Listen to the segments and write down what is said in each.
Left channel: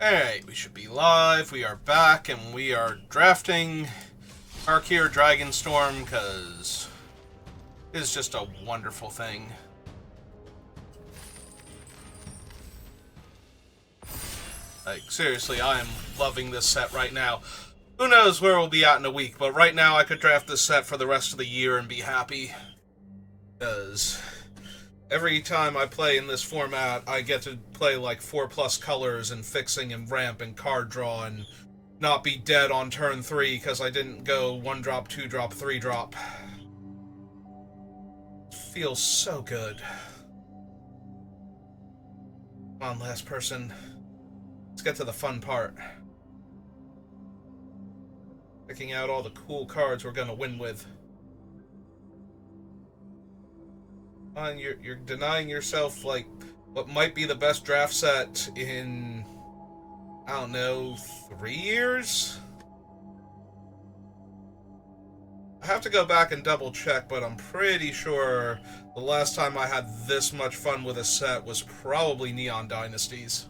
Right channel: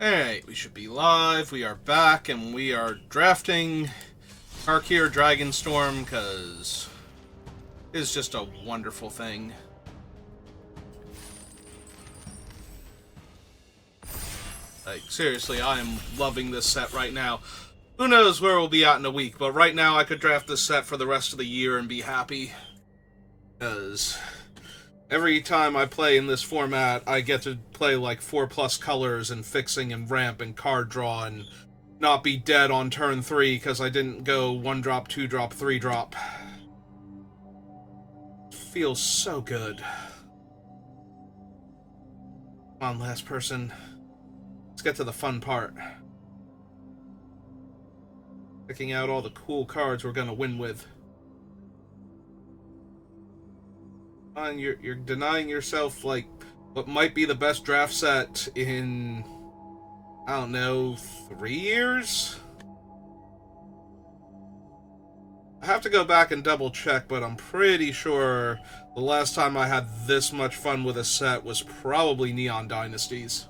Alright, we should be live. We are back and we are drafting Tarkir Dragonstorm because it's just a wonderful thing. Like, seriously, I am loving this set right now. Who knows where we'll be at in a week, but right now I could draft this set for the rest of the year and be happy. Because every time I play in this format, I get to play like 4+ colors and fixing and ramp and card draw and not be dead on turn 3 because I didn't go 1 drop, 2 drop, 3 drop. Feels so good. Come on, last person. Let's get to the fun part. Picking out all the cool cards we're gonna win with. You're denying yourself, like, what might be the best draft set in, I don't know, 3 years? I have to go back and double check, but I'm pretty sure the last time I had this much fun with a set was probably Neon Dynasties.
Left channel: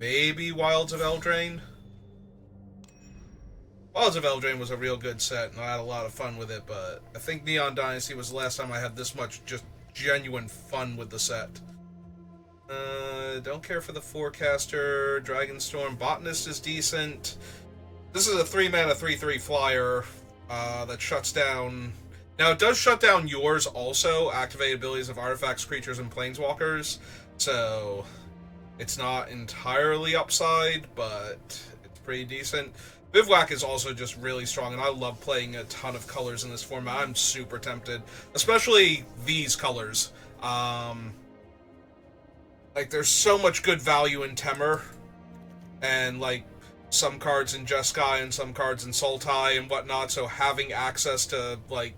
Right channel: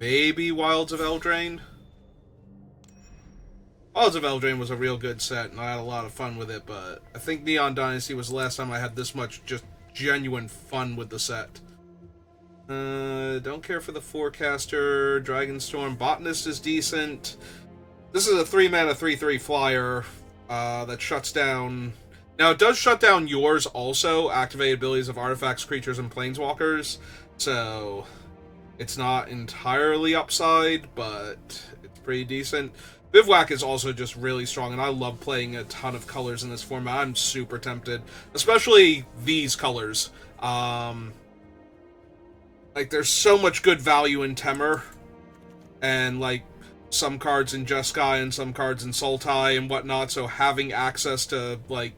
Maybe Wilds of Eldraine? Wilds of Eldraine was a real good set, and I had a lot of fun with it, but I think Neon Dynasty was the last time I had this much just genuine fun with the set. Don't care for the Forecaster. Dragonstorm. Botanist is decent. This is a 3-mana 3/3 flyer that shuts down. Now, it does shut down yours also, activate abilities of artifacts, creatures, and planeswalkers, so it's not entirely upside, but it's pretty decent. Bivouac is also just really strong, and I love playing a ton of colors in this format. I'm super tempted, especially these colors. Like, there's so much good value in Temur, and, like, some cards in Jeskai and some cards in Sultai and whatnot, so having access to, like,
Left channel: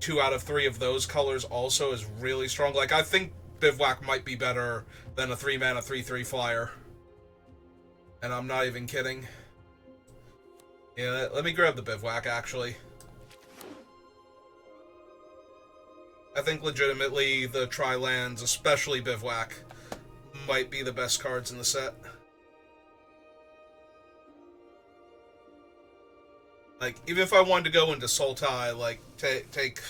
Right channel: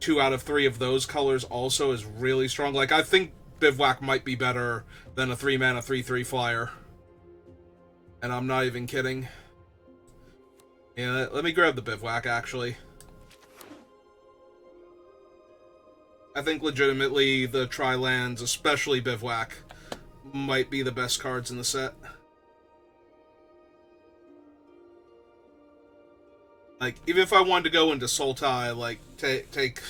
2 out of 3 of those colors also is really strong. Like, I think Bivouac might be better than a 3-mana 3/3 flyer. And I'm not even kidding. Yeah, let me grab the Bivouac, actually. I think legitimately the Tri-Lands, especially Bivouac, might be the best cards in the set. Like, even if I wanted to go into Sultai, like, take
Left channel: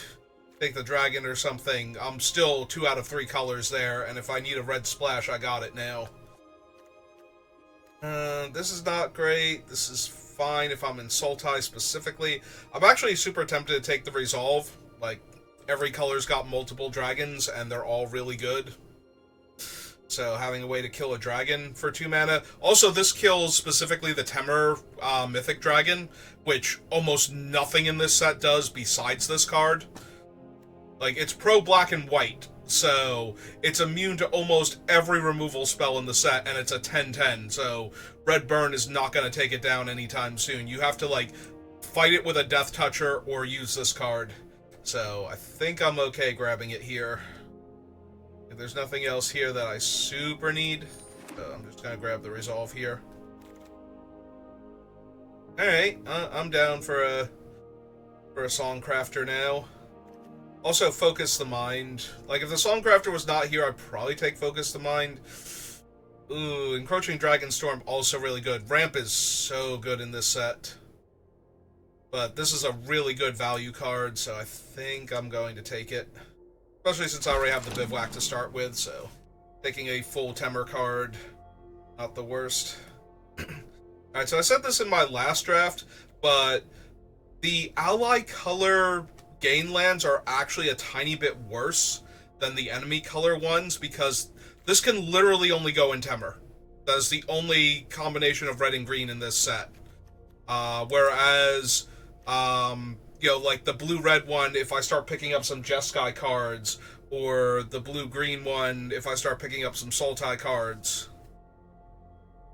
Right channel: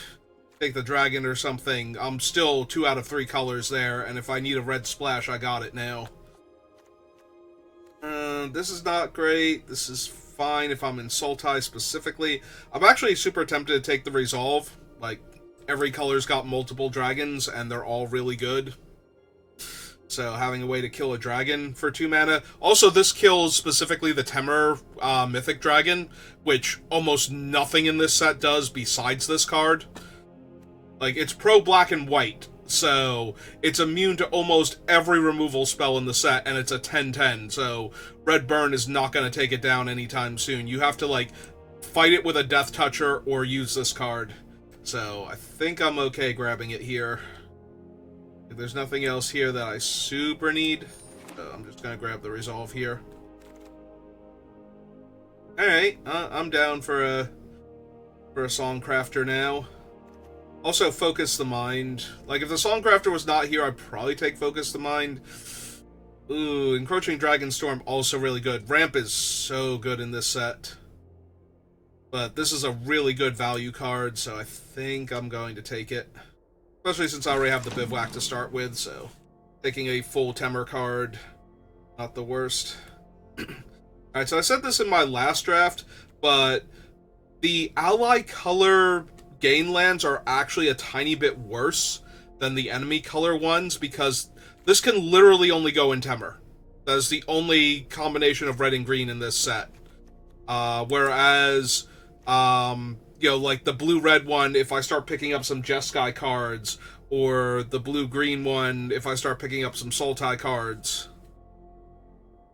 the dragon or something, I'm still 2 out of 3 colors there, and if I need a red splash, I got it now. This is not great. This is fine if I'm in Sultai specifically. I'm actually super tempted to take the Resolve. Like, every color's got multiple dragons, and they're all really good. So having a way to kill a dragon for 2 mana. Also, this kills specifically the Temur Mythic Dragon, which almost nothing in this set does besides this card. Like, it's pro black and white, so it's immune to almost every removal spell in the set, and it's a 10/10, so Red Burn is not going to take it down anytime soon. You have to, like, fight it with a Death Toucher or use this card. So I think I'm okay grabbing it here. If there's nothing else here that I super need, I'm just going to grab the Resolve here. Alright, I'm down for a Songcrafter now. Also, Focus the Mind. Like, if the Songcrafter was not here, I'd probably take Focus the Mind. Ooh, Encroaching Dragonstorm, also really good. Ramp is so good in this set. But this is a really good value card, so I think I'm going to take it. Especially since I already have the Bivouac to start with, so taking a full Temur card, not the worst. Alright, so I said this in my last draft, but the ally color gain lands are actually a tiny bit worse than the enemy color ones because this can literally only go in Temur. That is the only combination of red and green in this set. Whereas, you know, like the blue-red one, if I start picking up some Jeskai cards, or the blue-green one, if I start picking up some Sultai cards,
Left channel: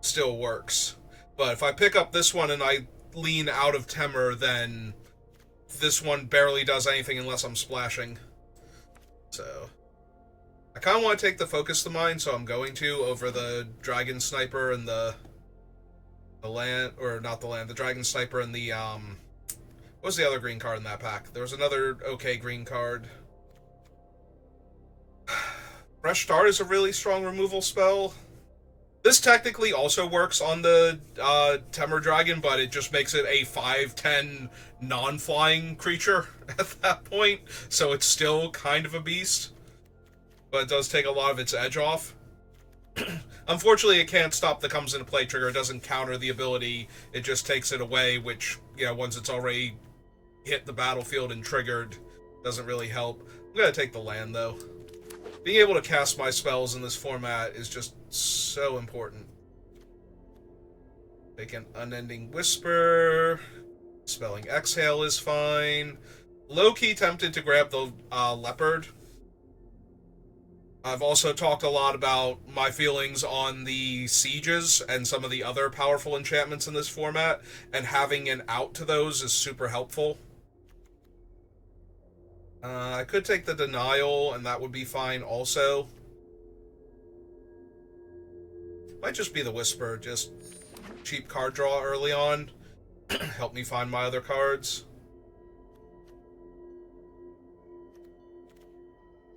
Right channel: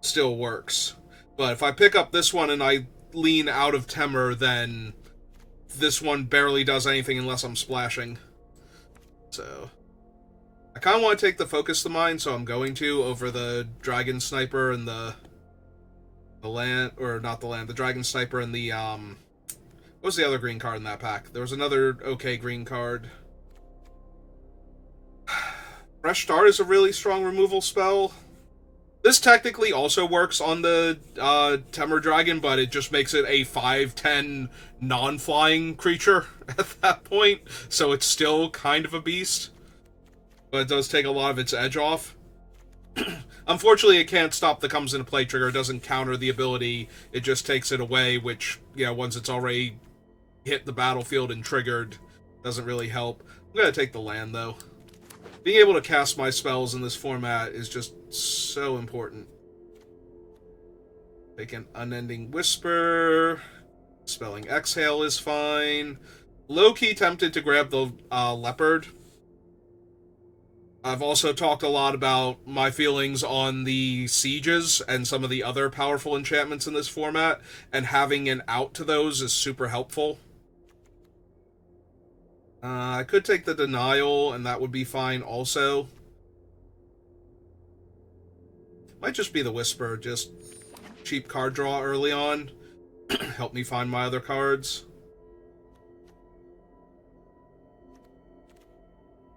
still works. But if I pick up this one and I lean out of Temur, then this one barely does anything unless I'm splashing. So I kind of want to take the Focus the Mind, so I'm going to, over the Dragon Sniper and the The land, or not the land, the Dragon Sniper and the, what was the other green card in that pack? There was another okay green card. Fresh Start is a really strong removal spell. This technically also works on the Temur Dragon, but it just makes it a 5/10 non-flying creature at that point, so it's still kind of a beast. But it does take a lot of its edge off. Unfortunately, it can't stop the comes into play trigger. It doesn't counter the ability. It just takes it away, which, once it's already hit the battlefield and triggered, doesn't really help. I'm going to take the land, though. Being able to cast my spells in this format is just so important. Take an Unending Whisper. Spelling Exhale is fine. Low-key tempted to grab the Leopard. I've also talked a lot about my feelings on the Sieges and some of the other powerful enchantments in this format, and having an out to those is super helpful. I could take the Denial, and that would be fine also. Might just be the Whisper, just cheap card draw early on. Help me find my other cards.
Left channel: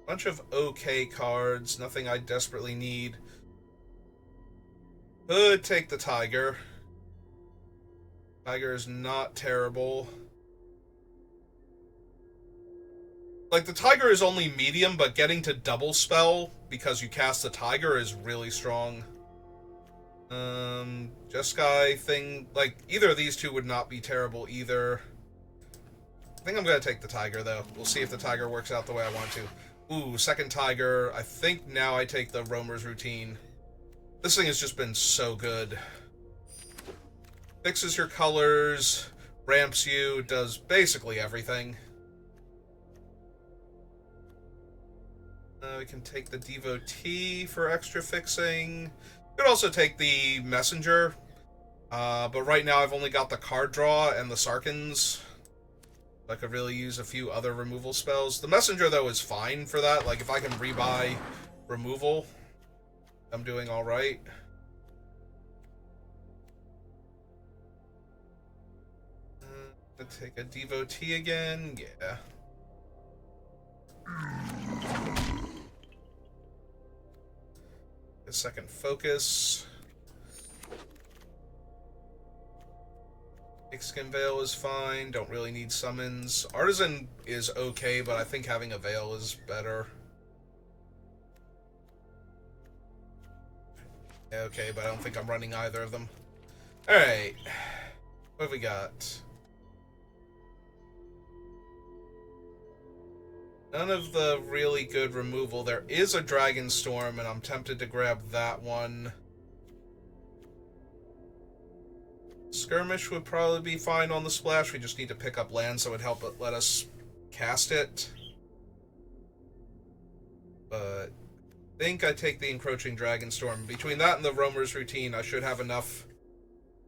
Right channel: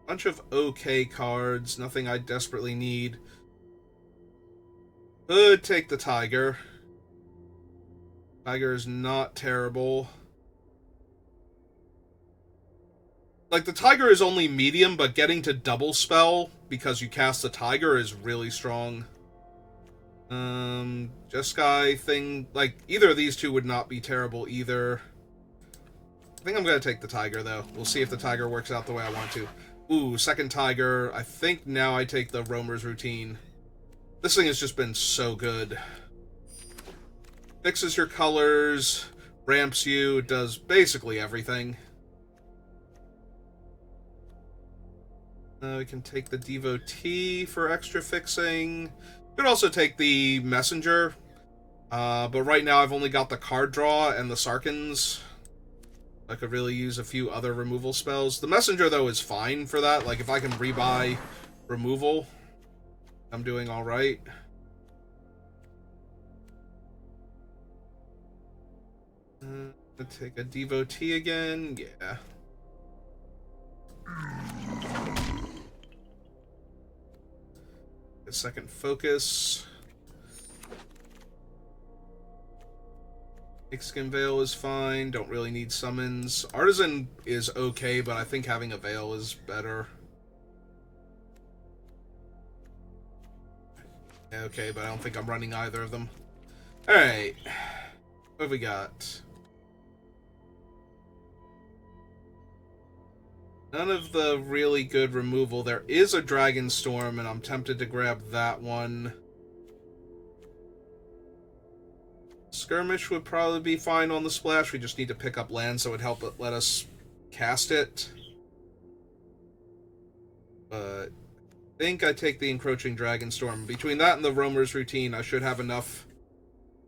Bunch of okay cards, nothing I desperately need. Could take the Tiger. Tiger is not terrible. Like, the Tiger is only medium, but getting to double spell because you cast the Tiger is really strong. Jeskai thing, like, either of these two would not be terrible either. I think I'm going to take the Tiger, though. We'll see if the Tiger works out the way I want to. Ooh, second Tiger. I think now I take the Roamer's Routine. This thing has just been so good. Fixes your colors, ramps you, does basically everything. We can take the Devotee for extra fixing. Could also take the Messenger. But right now I've only got the card draw and the Sarkans. I could really use a few other removal spells. The Messenger, though, is fine for that. Like, if I can rebuy removal, I'm doing alright. Take a Devotee again. Yeah. A second Focus. Skin Veil is fine. Don't really need summons. Artisan is okay, but I think having a Veil is better. Yeah, okay, but I don't think I'm running either of them. Alright. What have we got? None of the really good removal. There is a Dragonstorm, and I'm tempted to grab that one. Skirmish would probably be fine on the splash. We just need to pick up land, so it would help let us cast it. But I think I take the Encroaching Dragonstorm. Between that and the Roamer's Routine, I should have enough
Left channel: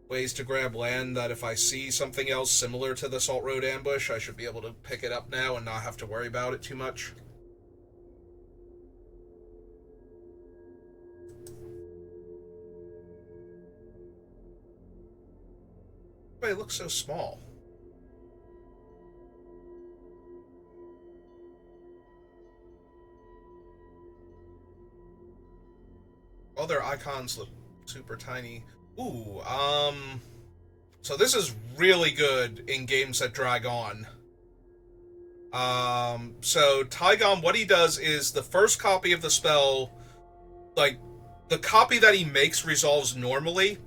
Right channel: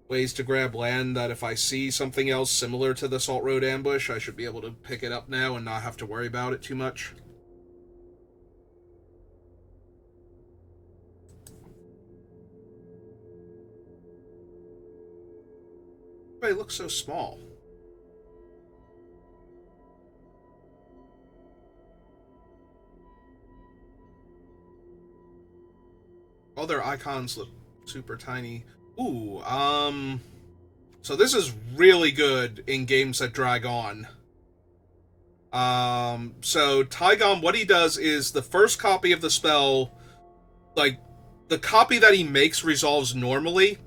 ways to grab land that if I see something else similar to the Salt Road Ambush, I should be able to pick it up now and not have to worry about it too much. Why it looks so small? All their icons look super tiny. Ooh, so this is really good in games that drag on. So Tygon, what he does is the first copy of the spell, like, the copy that he makes resolves normally,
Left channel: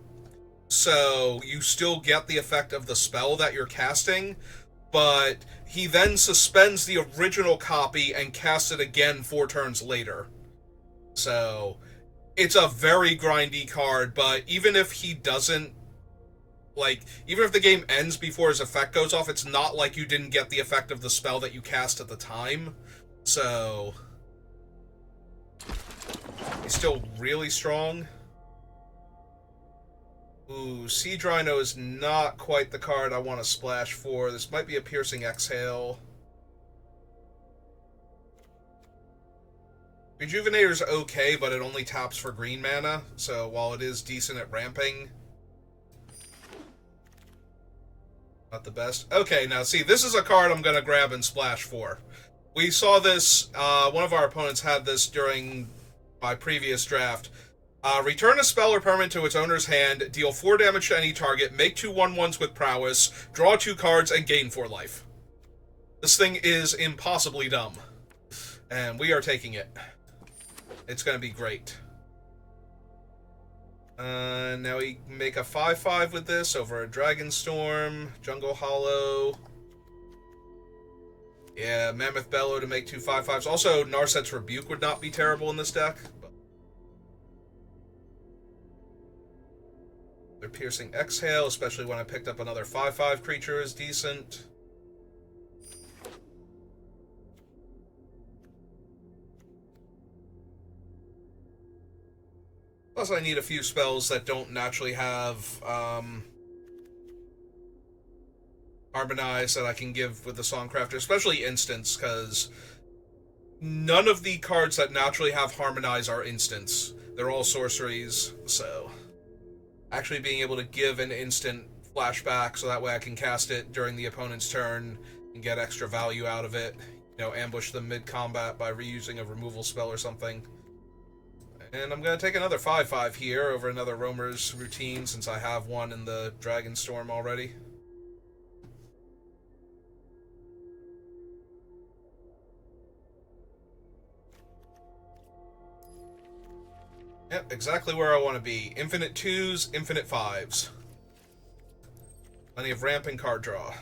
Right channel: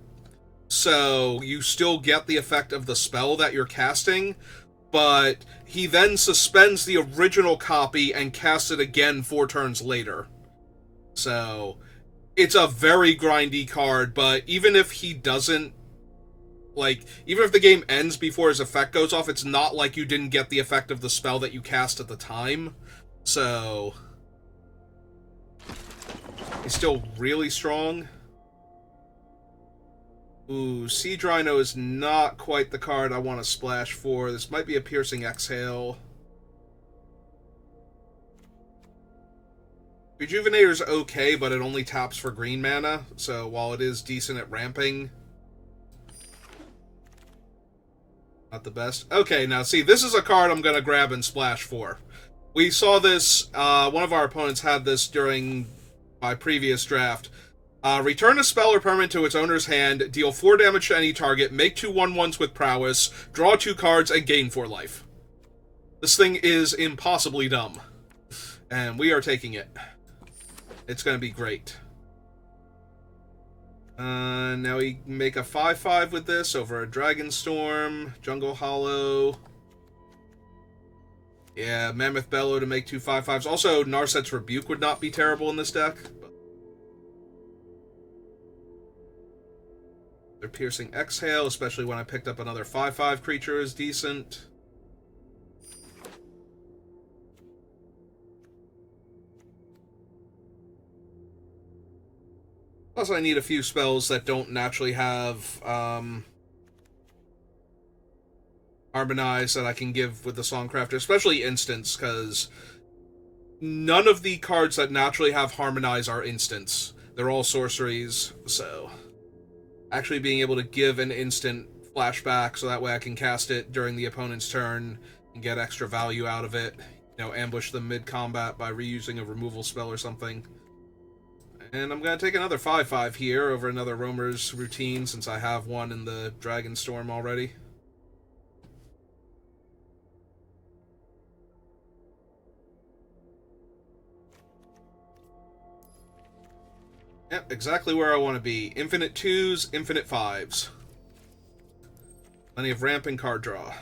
so you still get the effect of the spell that you're casting, but he then suspends the original copy and casts it again 4 turns later. So it's a very grindy card, but even if he doesn't, like, even if the game ends before his effect goes off, it's not like you didn't get the effect of the spell that you cast at the time. So he's still really strong. Ooh, Siege Rhino is not quite the card I want to splash for. This might be a Piercing Exhale. Rejuvenator's okay, but it only taps for green mana, so while it is decent at ramping, Not the best. Okay, now see, this is a card I'm going to grab and splash for. We saw this, one of our opponents had this during my previous draft. Return a spell or permanent to its owner's hand, deal 4 damage to any target, make 2 1/1s with prowess, draw 2 cards, and gain 4 life. This thing is impossibly dumb. And we are taking it. It's going to be great. Now we make a 5/5 with this over a Dragonstorm, Jungle Hollow. Yeah, Mammoth Bellow to make 2 5/5s. Also, Narset's Rebuke would not be terrible in this deck. Their Piercing Exhale, especially when I picked up another 5/5 creature, is decent. Plus, I need a few spells that don't naturally have Harmonize that I can give with the Songcrafter, especially Instants, because none of the cards that naturally have Harmonize are instants. They're all sorceries, so actually being able to give an instant flashback so that way I can cast it during the opponent's turn and get extra value out of it. You know, ambush them mid-combat by reusing a removal spell or something. And I'm going to take another 5/5 here over another Roamer's Routine since I have one in the Dragonstorm already. Yep, exactly where I want to be. Infinite 2s, infinite 5s. Plenty of ramp and card draw.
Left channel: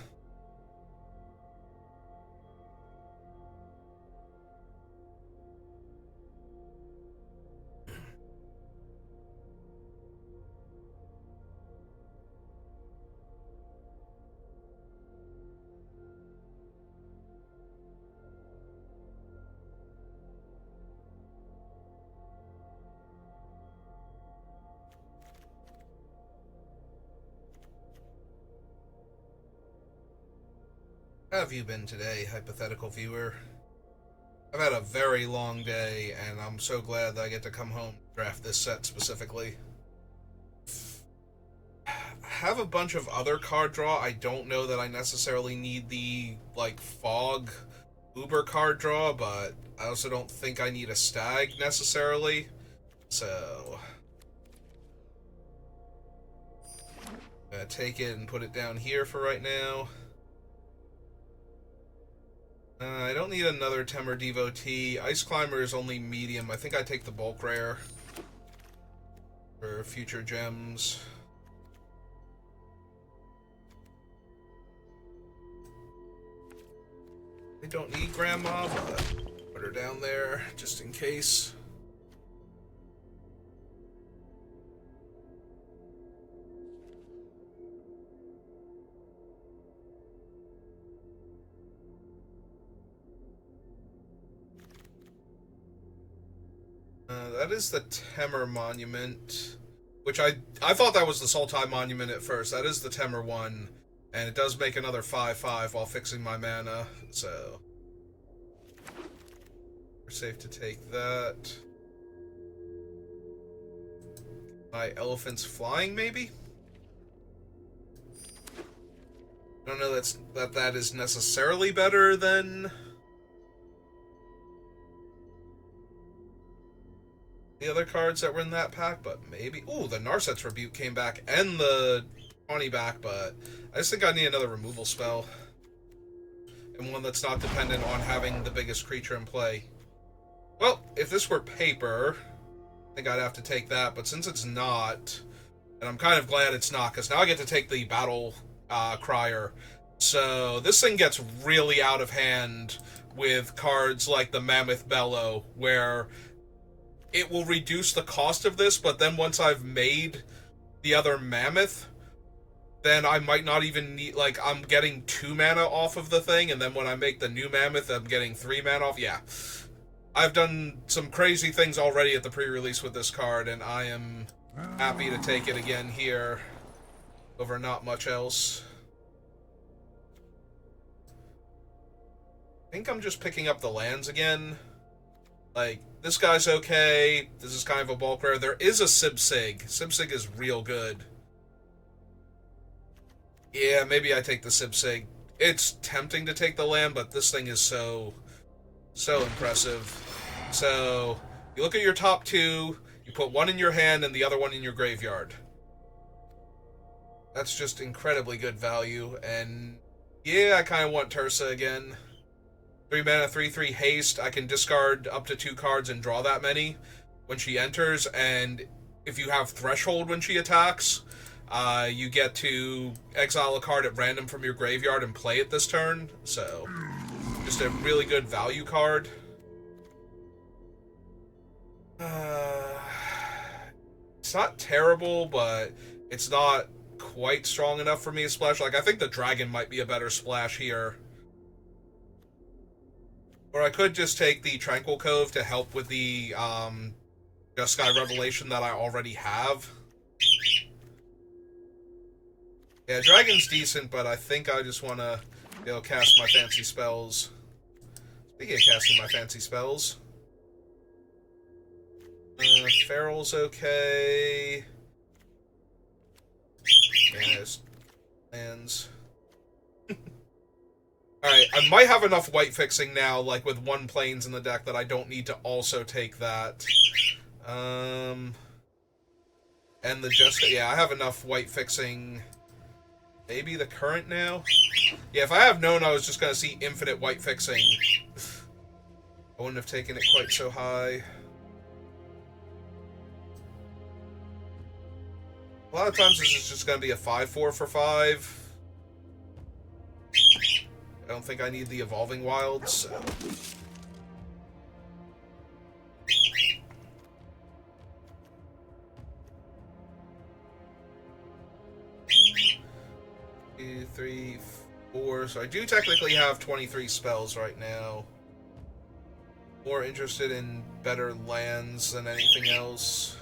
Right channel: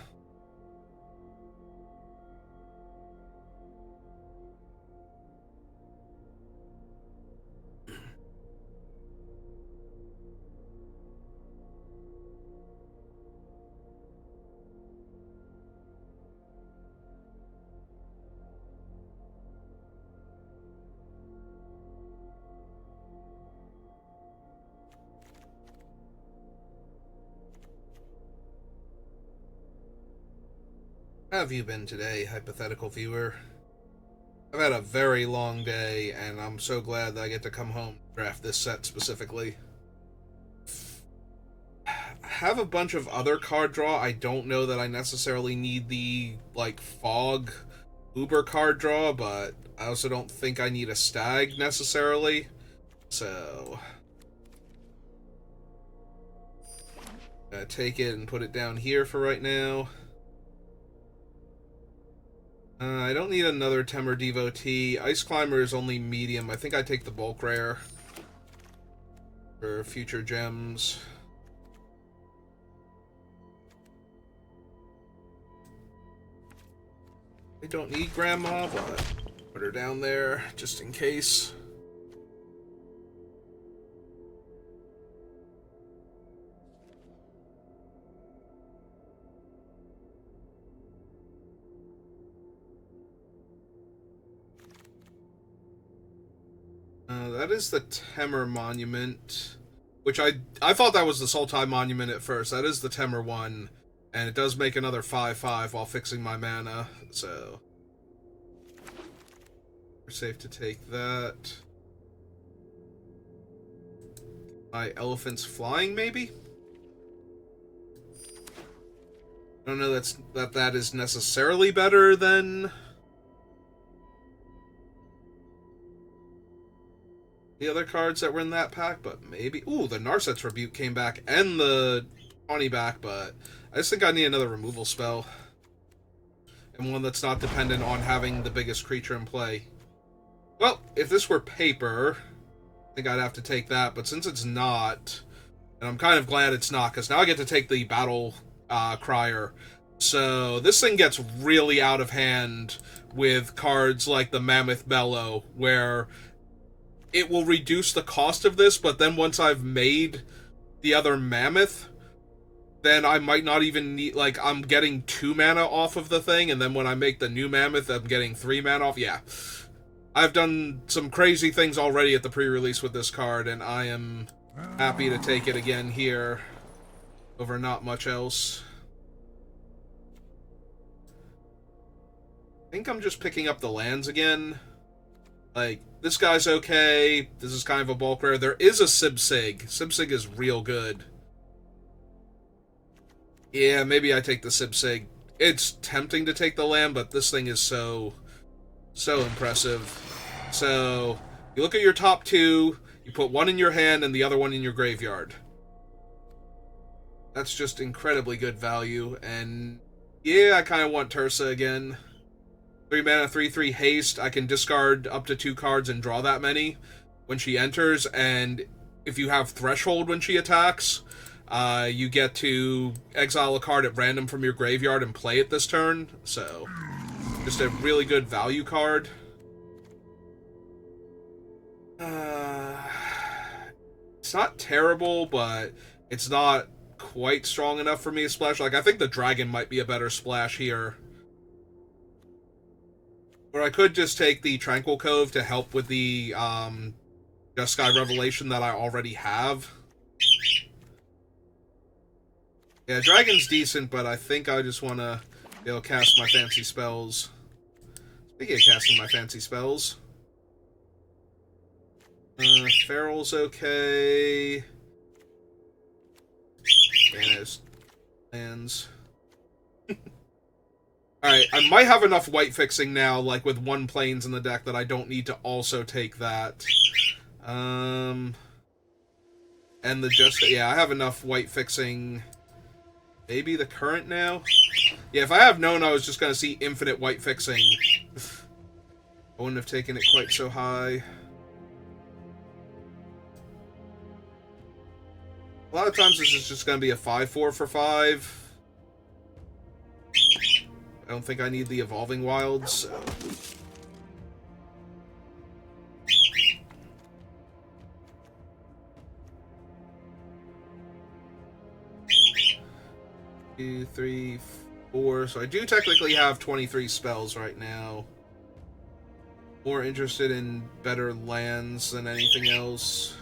How have you been today, hypothetical viewer? I've had a very long day, and I'm so glad that I get to come home and draft this set specifically. I have a bunch of other card draw. I don't know that I necessarily need the, like, Fog Uber card draw, but I also don't think I need a Stag necessarily. So I'm gonna take it and put it down here for right now. I don't need another Temur Devotee. Ice Climber is only medium. I think I take the bulk rare for future gems. I don't need Grandma, but put her down there just in case. That is the Temur Monument, which I thought that was the Sultai Monument at first. That is the Temur one, and it does make another 5/5 while fixing my mana, so we're safe to take that. My Elephant's Flying, maybe? I don't know that is necessarily better than the other cards that were in that pack, but maybe. Ooh, the Narset's Rebuke came back and the Tawny back, but I just think I need another removal spell. And one that's not dependent on having the biggest creature in play. Well, if this were paper, I think I'd have to take that, but since it's not, and I'm kind of glad it's not, because now I get to take the Battle Crier. So this thing gets really out of hand with cards like the Mammoth Bellow, where it will reduce the cost of this, but then once I've made the other Mammoth, then I might not even need, like, I'm getting 2 mana off of the thing, and then when I make the new Mammoth, I'm getting 3 mana off. Yeah. I've done some crazy things already at the pre-release with this card, and I am happy to take it again here over not much else. I think I'm just picking up the lands again. Like, this guy's okay. This is kind of a bulk rare. There is a Sibsig. Sibsig is real good. Yeah, maybe I take the Sibsig. It's tempting to take the land, but this thing is so impressive. So, you look at your top two, you put one in your hand and the other one in your graveyard. That's just incredibly good value, and yeah, I kind of want Tursa again. 3 mana, 3/3 haste. I can discard up to 2 cards and draw that many when she enters, and if you have Threshold when she attacks, you get to exile a card at random from your graveyard and play it this turn. So, just a really good value card. It's not terrible, but it's not quite strong enough for me to splash. Like, I think the dragon might be a better splash here. Or I could just take the Tranquil Cove to help with the Just Sky Revelation that I already have. Yeah, Dragon's decent, but I think I just want to cast my fancy spells. Speaking of casting my fancy spells, Feral's okay. Yes, lands. Alright, I might have enough white fixing now, like with 1 planes in the deck, that I don't need to also take that. And the just... Yeah, I have enough white fixing. Maybe the current now? Yeah, if I have known I was just going to see infinite white fixing, I wouldn't have taken it quite so high. A lot of times this is just going to be a 5/4 for 5. I don't think I need the Evolving Wilds, so... 2, 3, 4. So I do technically have 23 spells right now. More interested in better lands than anything else.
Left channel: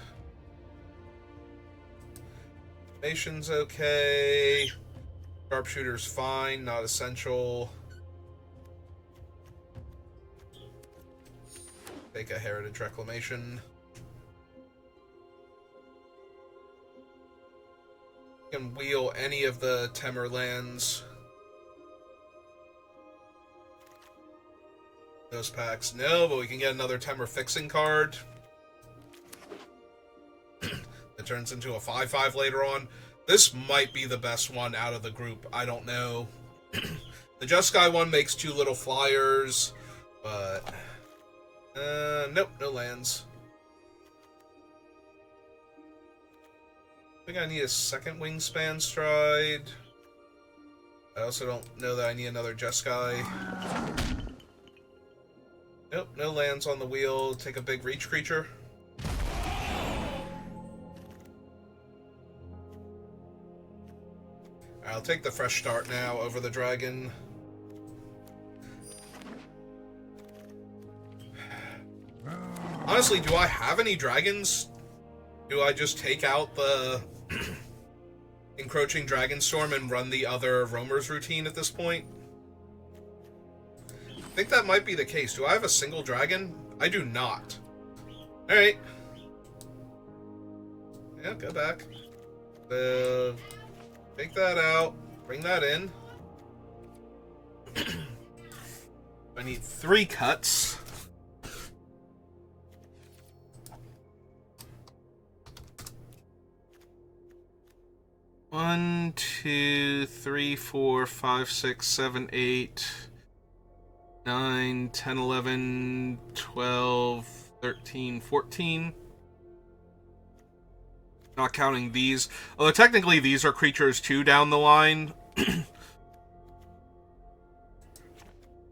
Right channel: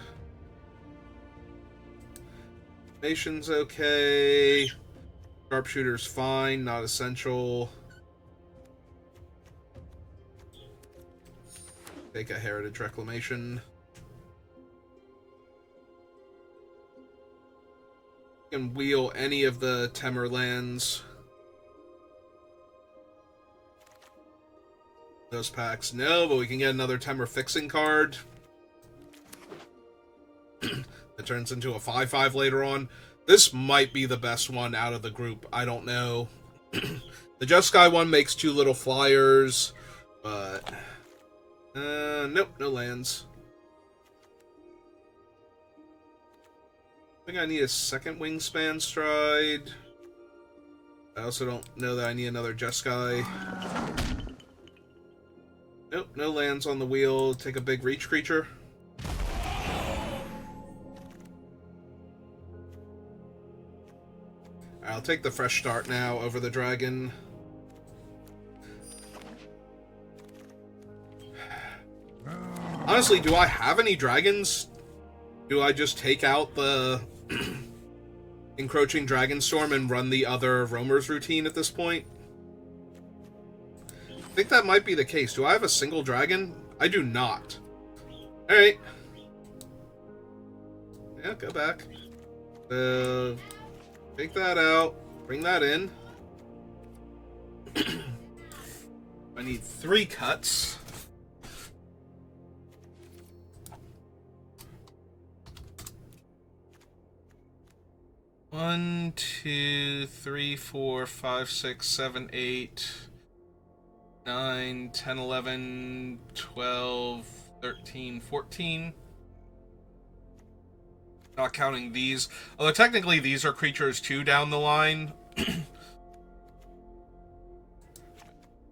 Nation's okay. Sharpshooter's fine, not essential. Take a Heritage Reclamation. You can wheel any of the Temur lands. Those packs, no, but we can get another Temur fixing card. That turns into a 5/5 later on. This might be the best one out of the group. I don't know. The Just Sky one makes 2 little flyers, but... nope, no lands. I think I need a second Wingspan Stride. I also don't know that I need another Just Sky. Nope, no lands on the wheel. Take a big reach creature. I'll take the fresh start now over the dragon. Honestly, do I have any dragons? Do I just take out the Encroaching Dragonstorm and run the other Roamer's routine at this point? I think that might be the case. Do I have a single dragon? I do not. Alright. Yeah, go back. Take that out. Bring that in. I need 3 cuts. One, 2, 3, 4, 5, 6, 7, 8, 9, 10, 11, 12, 13, 14. Not counting these. Although technically these are creatures too down the line.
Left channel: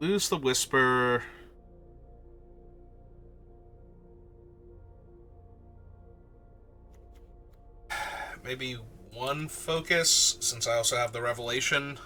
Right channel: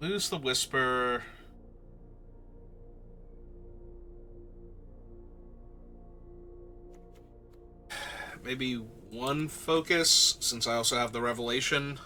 Lose the Whisper. Maybe 1 focus, since I also have the Revelation.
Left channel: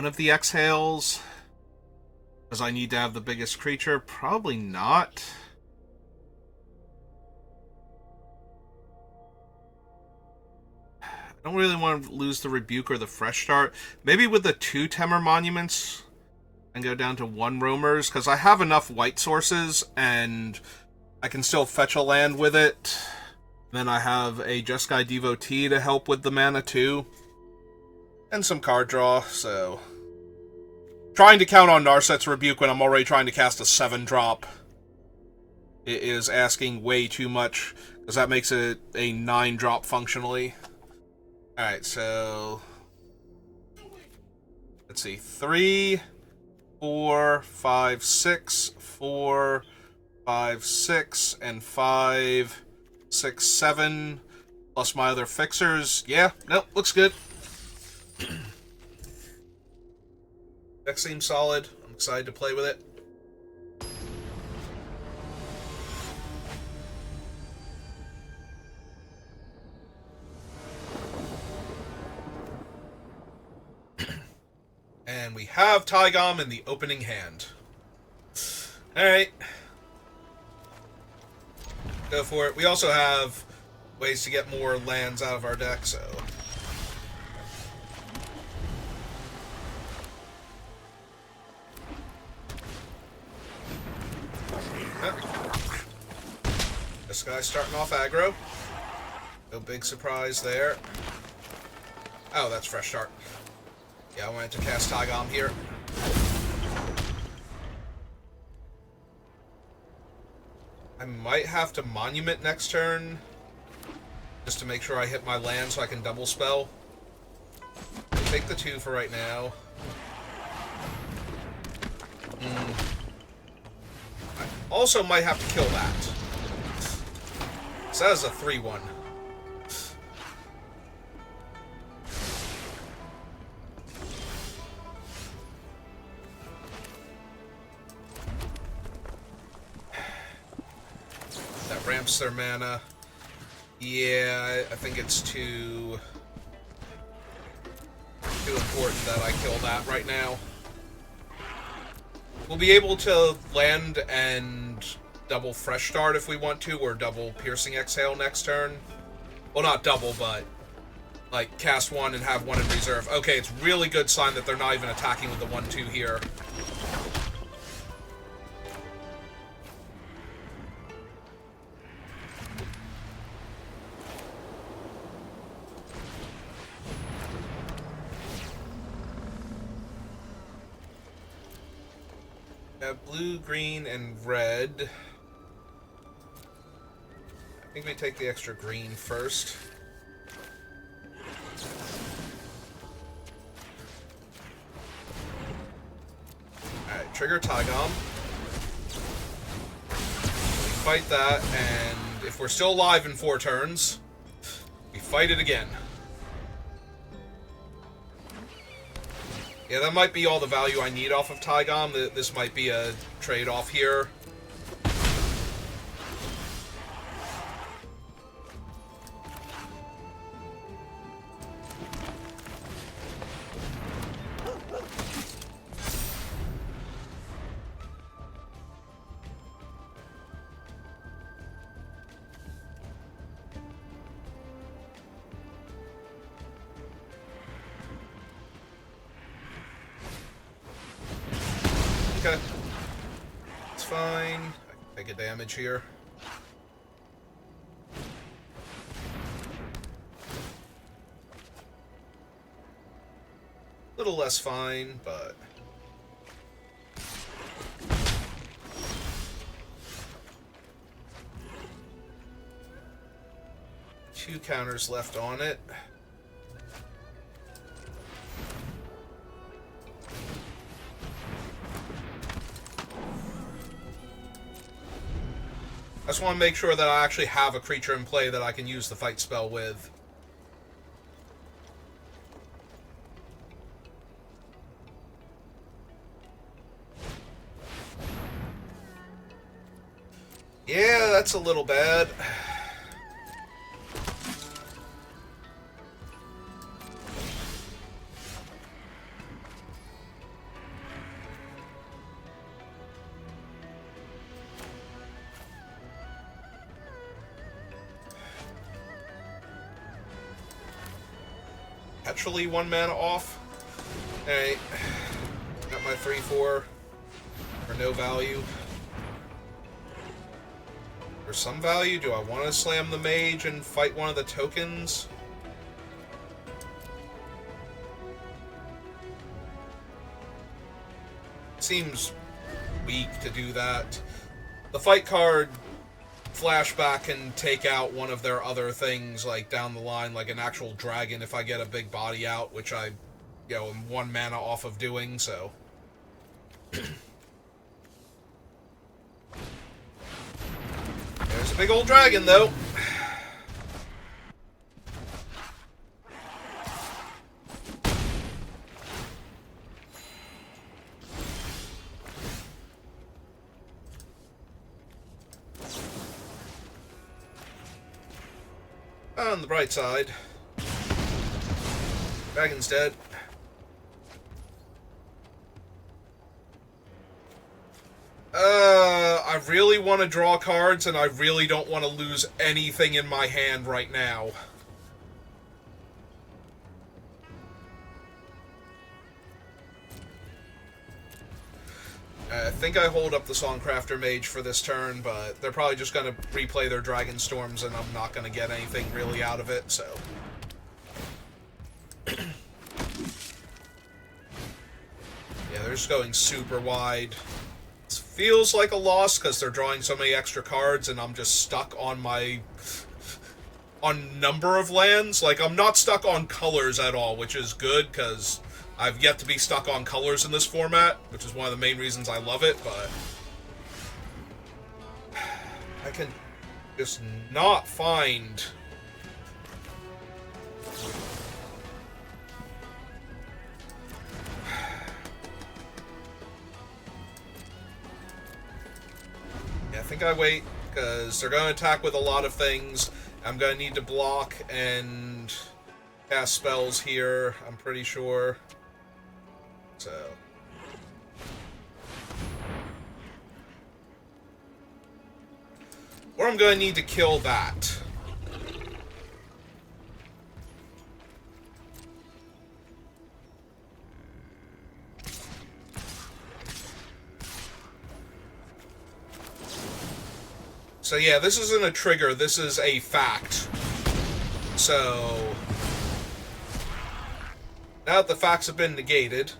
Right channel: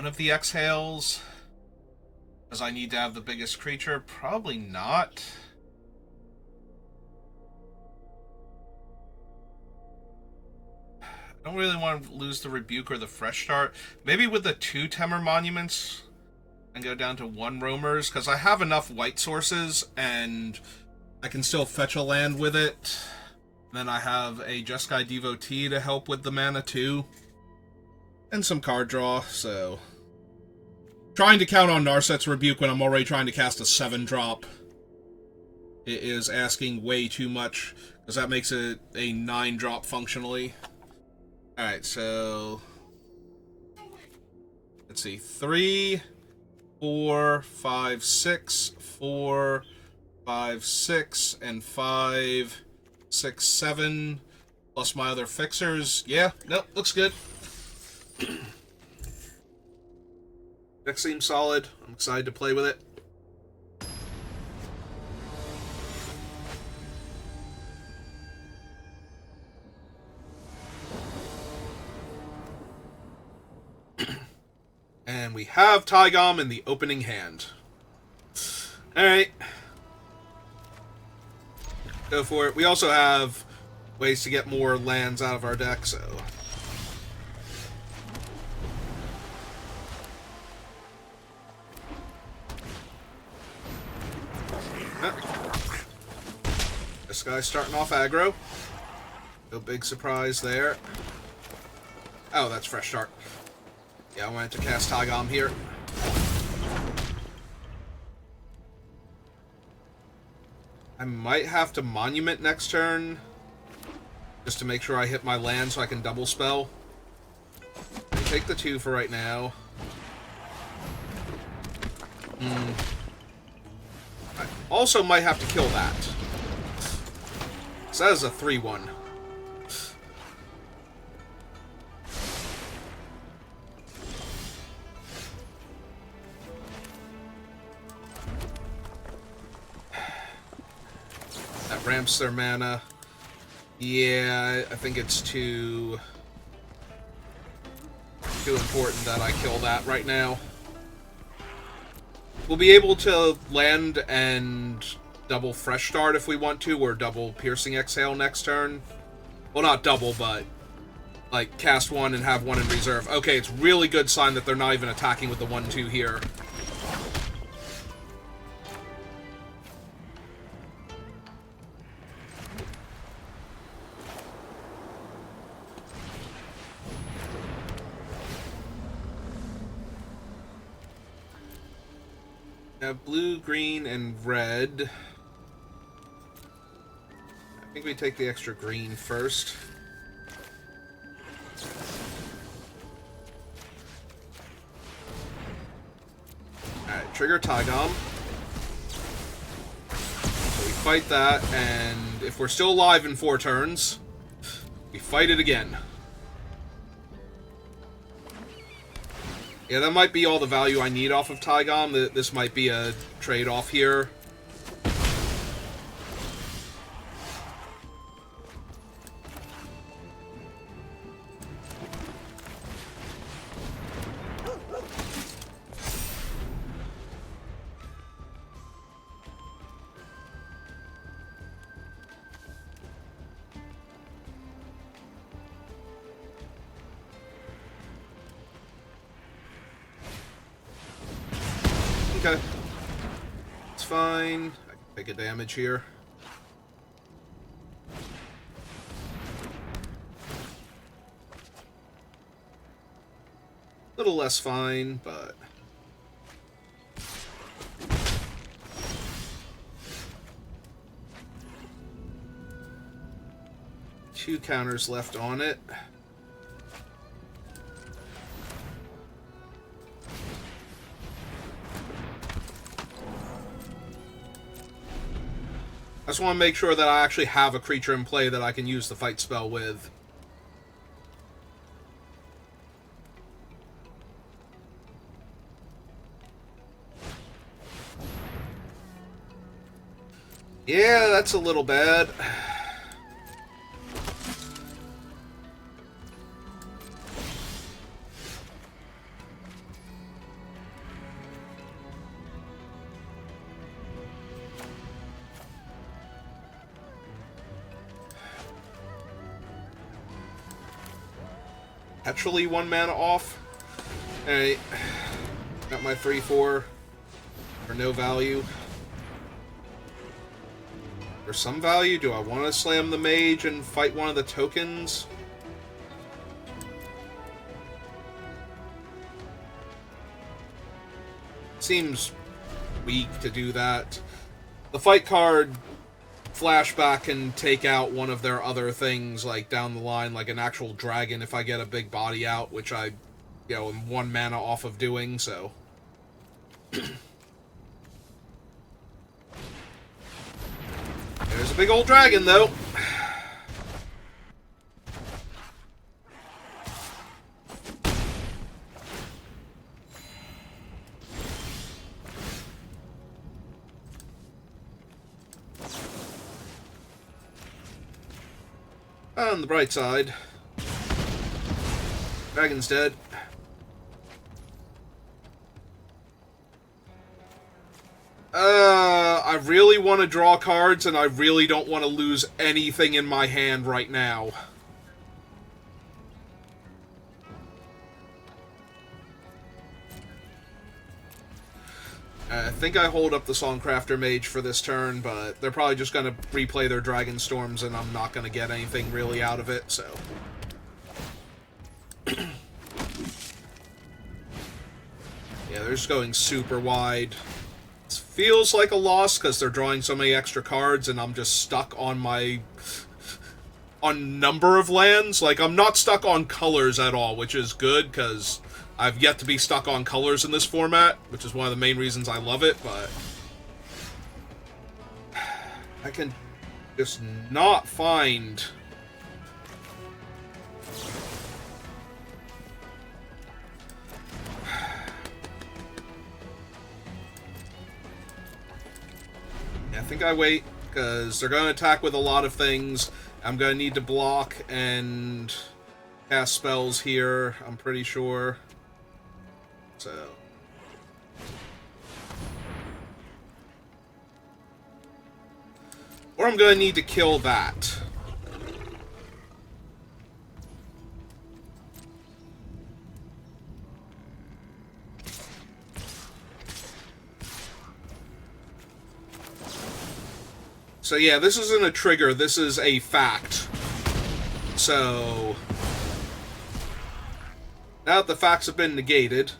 one of the exhales, because I need to have the biggest creature. Probably not. I don't really want to lose the Rebuke or the Fresh Start. Maybe with the 2 Temur Monuments and go down to 1 Roamers, because I have enough white sources and I can still fetch a land with it. Then I have a Jeskai Devotee to help with the mana too. And some card draw, so... Trying to count on Narset's Rebuke when I'm already trying to cast a 7-drop. It is asking way too much, because that makes it a 9-drop functionally. Alright, so... Let's see. 3, 4, 5, 6, 4, 5, 6, and 5... 6, 7, plus my other fixers. Yeah, nope, looks good. Deck seems solid. I'm excited to play with it. And we have Tygom in the opening hand. Alright. Go for it. We also have ways to get more lands out of our deck, so... This guy's starting off aggro. No big surprise there. Oh, that's Fresh Start. Yeah, I wanted to cast Tygom here. I might have to Monument next turn, just to make sure I hit my land so I can double spell. Take the 2 for right now. I also might have to kill that. So that is a 3-1. Ramps their mana. Yeah, I think it's too important that I kill that right now. We'll be able to land and double Fresh Start if we want to, or double Piercing Exhale next turn. Well, not double, but like cast 1 and have 1 in reserve. Okay, it's really good sign that they're not even attacking with the 1/2 here. Blue, green, and red. I think we take the extra green first. Alright, trigger Tygom. We fight that, and if we're still alive in 4 turns, we fight it again. Yeah, that might be all the value I need off of Tygom. This might be a trade-off here. Okay. It's fine. I can take a damage here. A little less fine, but... Two counters left on it. I just want to make sure that I actually have a creature in play that I can use the fight spell with. Yeah, that's a little bad. Actually 1 mana off. Alright. Got my 3-4 for no value. For some value, do I want to slam the mage and fight one of the tokens? Seems weak to do that. The fight card flashback can take out one of their other things, like down the line, like an actual dragon if I get a big body out, which I, am 1 mana off of doing, so. There's a big old dragon, though. On the bright side, dragon's dead. I really want to draw cards, and I really don't want to lose anything in my hand right now. I think I hold up the Songcrafter Mage for this turn, but they're probably just going to replay their Dragonstorms, and I'm not going to get anything really out of it, so. Yeah, they're just going super wide. It feels like a loss because they're drawing so many extra cards, and I'm just stuck on my... on number of lands. Like, I'm not stuck on colors at all, which is good, because I've yet to be stuck on colors in this format, which is one of the main reasons I love it, but I can just not find... Yeah, I think I wait, because they're going to attack with a lot of things. I'm going to need to block and cast spells here, I'm pretty sure. So. Or I'm going to need to kill that. So yeah, this isn't a trigger, this is a fact. So, now that the facts have been negated,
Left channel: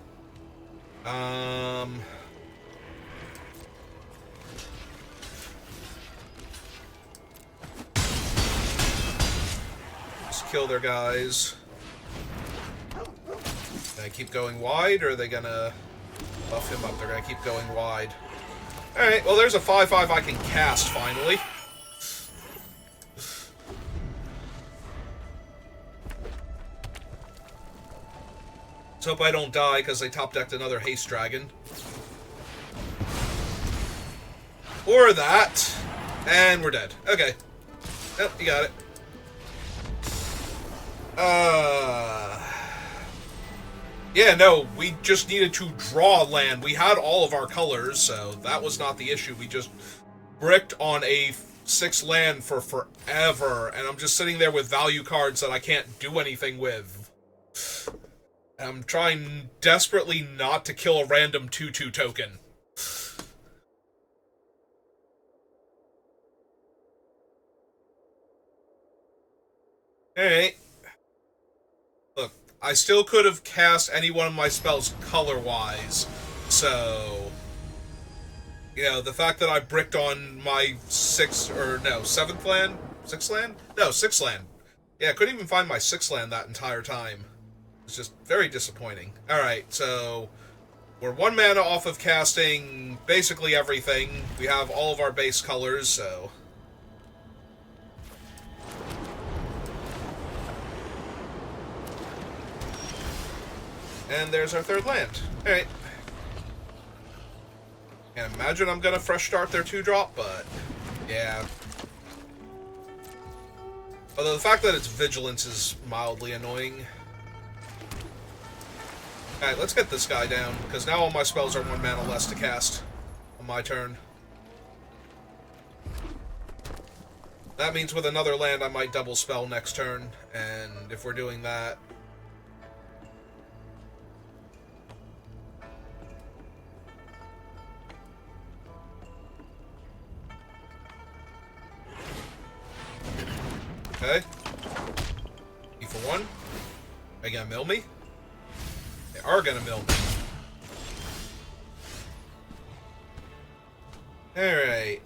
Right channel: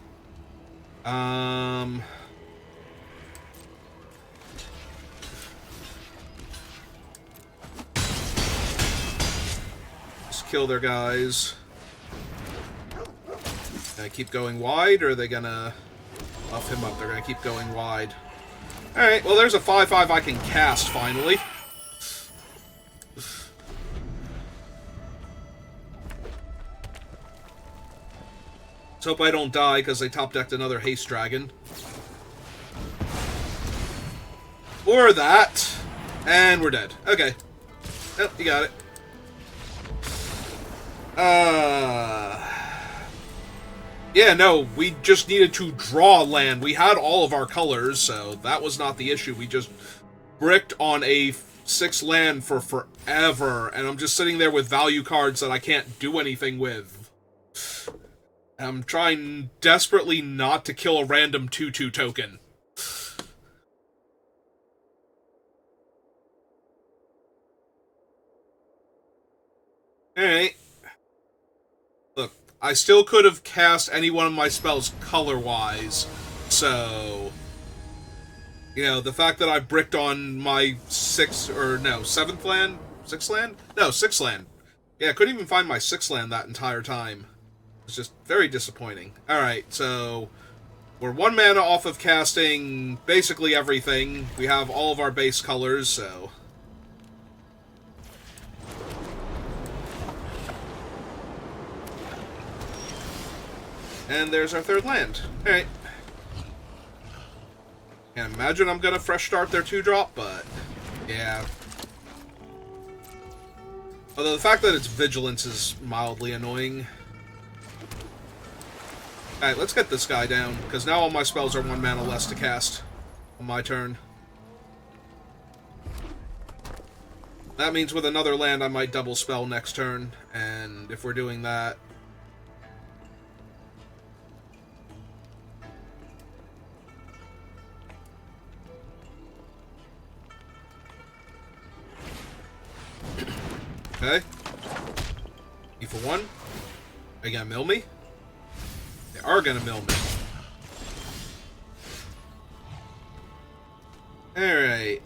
just kill their guys. Can I keep going wide, or are they gonna buff him up? They're gonna keep going wide. Alright, well there's a 5/5 I can cast, finally. Let's hope I don't die, because they top-decked another Haste Dragon. Or that. And we're dead. Okay. Yep, you got it. Yeah, no, we just needed to draw land. We had all of our colors, so that was not the issue. We just bricked on a 6 land for forever, and I'm just sitting there with value cards that I can't do anything with. I'm trying desperately not to kill a random 2/2 token. Alright. Look, I still could have cast any one of my spells color-wise, so... the fact that I bricked on my 7th land? 6th land? No, 6th land. Yeah, I couldn't even find my 6th land that entire time. It's just very disappointing. Alright, so... we're 1 mana off of casting basically everything. We have all of our base colors, so... And there's our 3rd land. Alright. Can't imagine I'm gonna fresh start their 2-drop, but... yeah. Although the fact that it's Vigilance is mildly annoying. Alright, let's get this guy down, because now all my spells are 1 mana less to cast on my turn. That means with another land I might double spell next turn, and if we're doing that... Okay. E for 1. Are you gonna mill me? They are gonna mill me. Alright,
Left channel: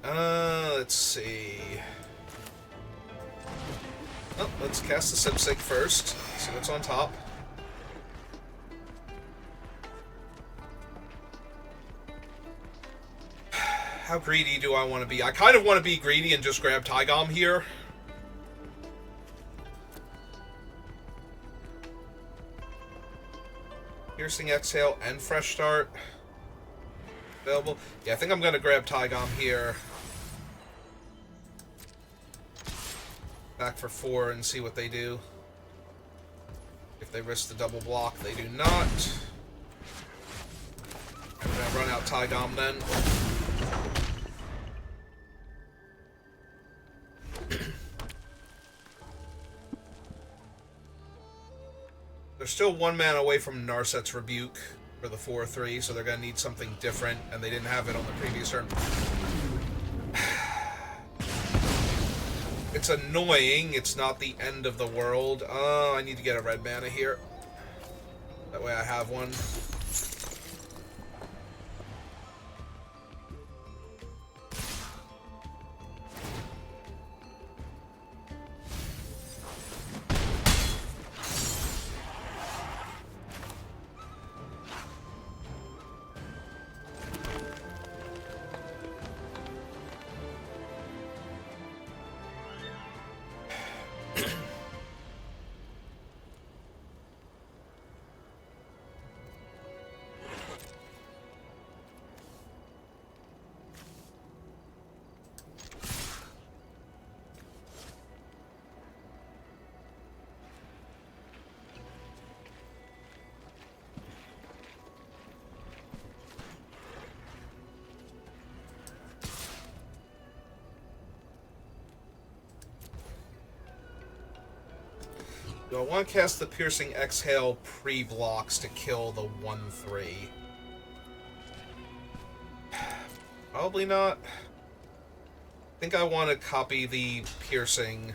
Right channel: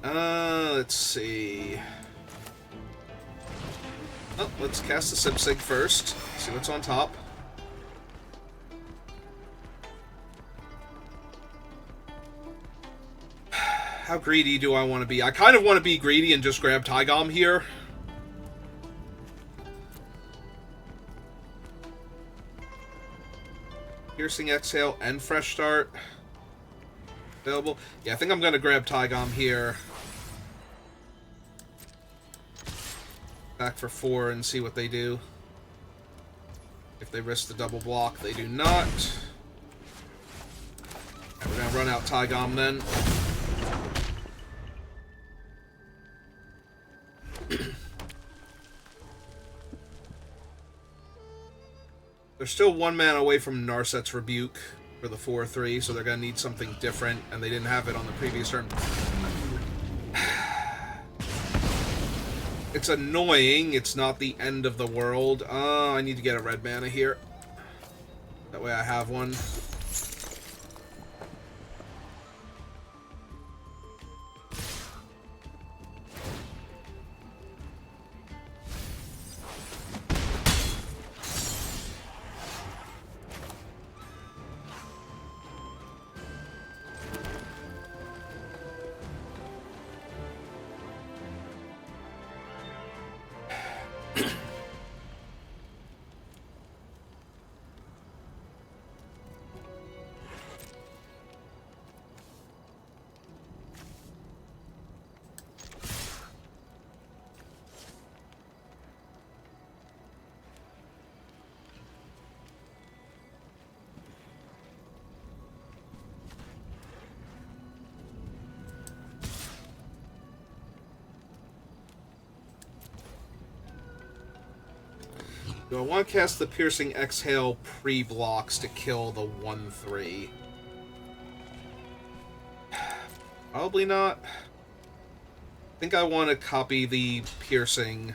let's see. Oh, let's cast the Sipsig first. See what's on top. How greedy do I want to be? I kind of want to be greedy and just grab Tygom here. Piercing Exhale and Fresh Start. Available. Yeah, I think I'm going to grab Tygom here. Back for 4 and see what they do. If they risk the double block, they do not. I'm going to run out Tygom then. They're still 1 mana away from Narset's Rebuke for the 4/3, so they're going to need something different, and they didn't have it on the previous turn. It's annoying. It's not the end of the world. I need to get a red mana here. That way I have one. Do I want to cast the Piercing Exhale pre-blocks to kill the 1/3? Probably not. I think I want to copy the Piercing.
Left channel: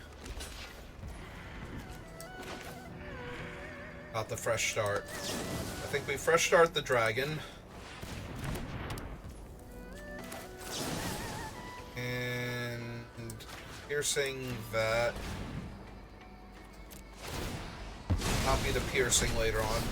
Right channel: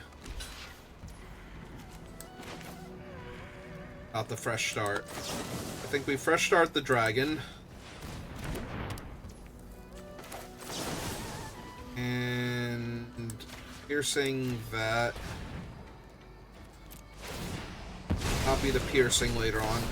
About the Fresh Start. I think we Fresh Start the Dragon. And Piercing that. Copy the Piercing later on.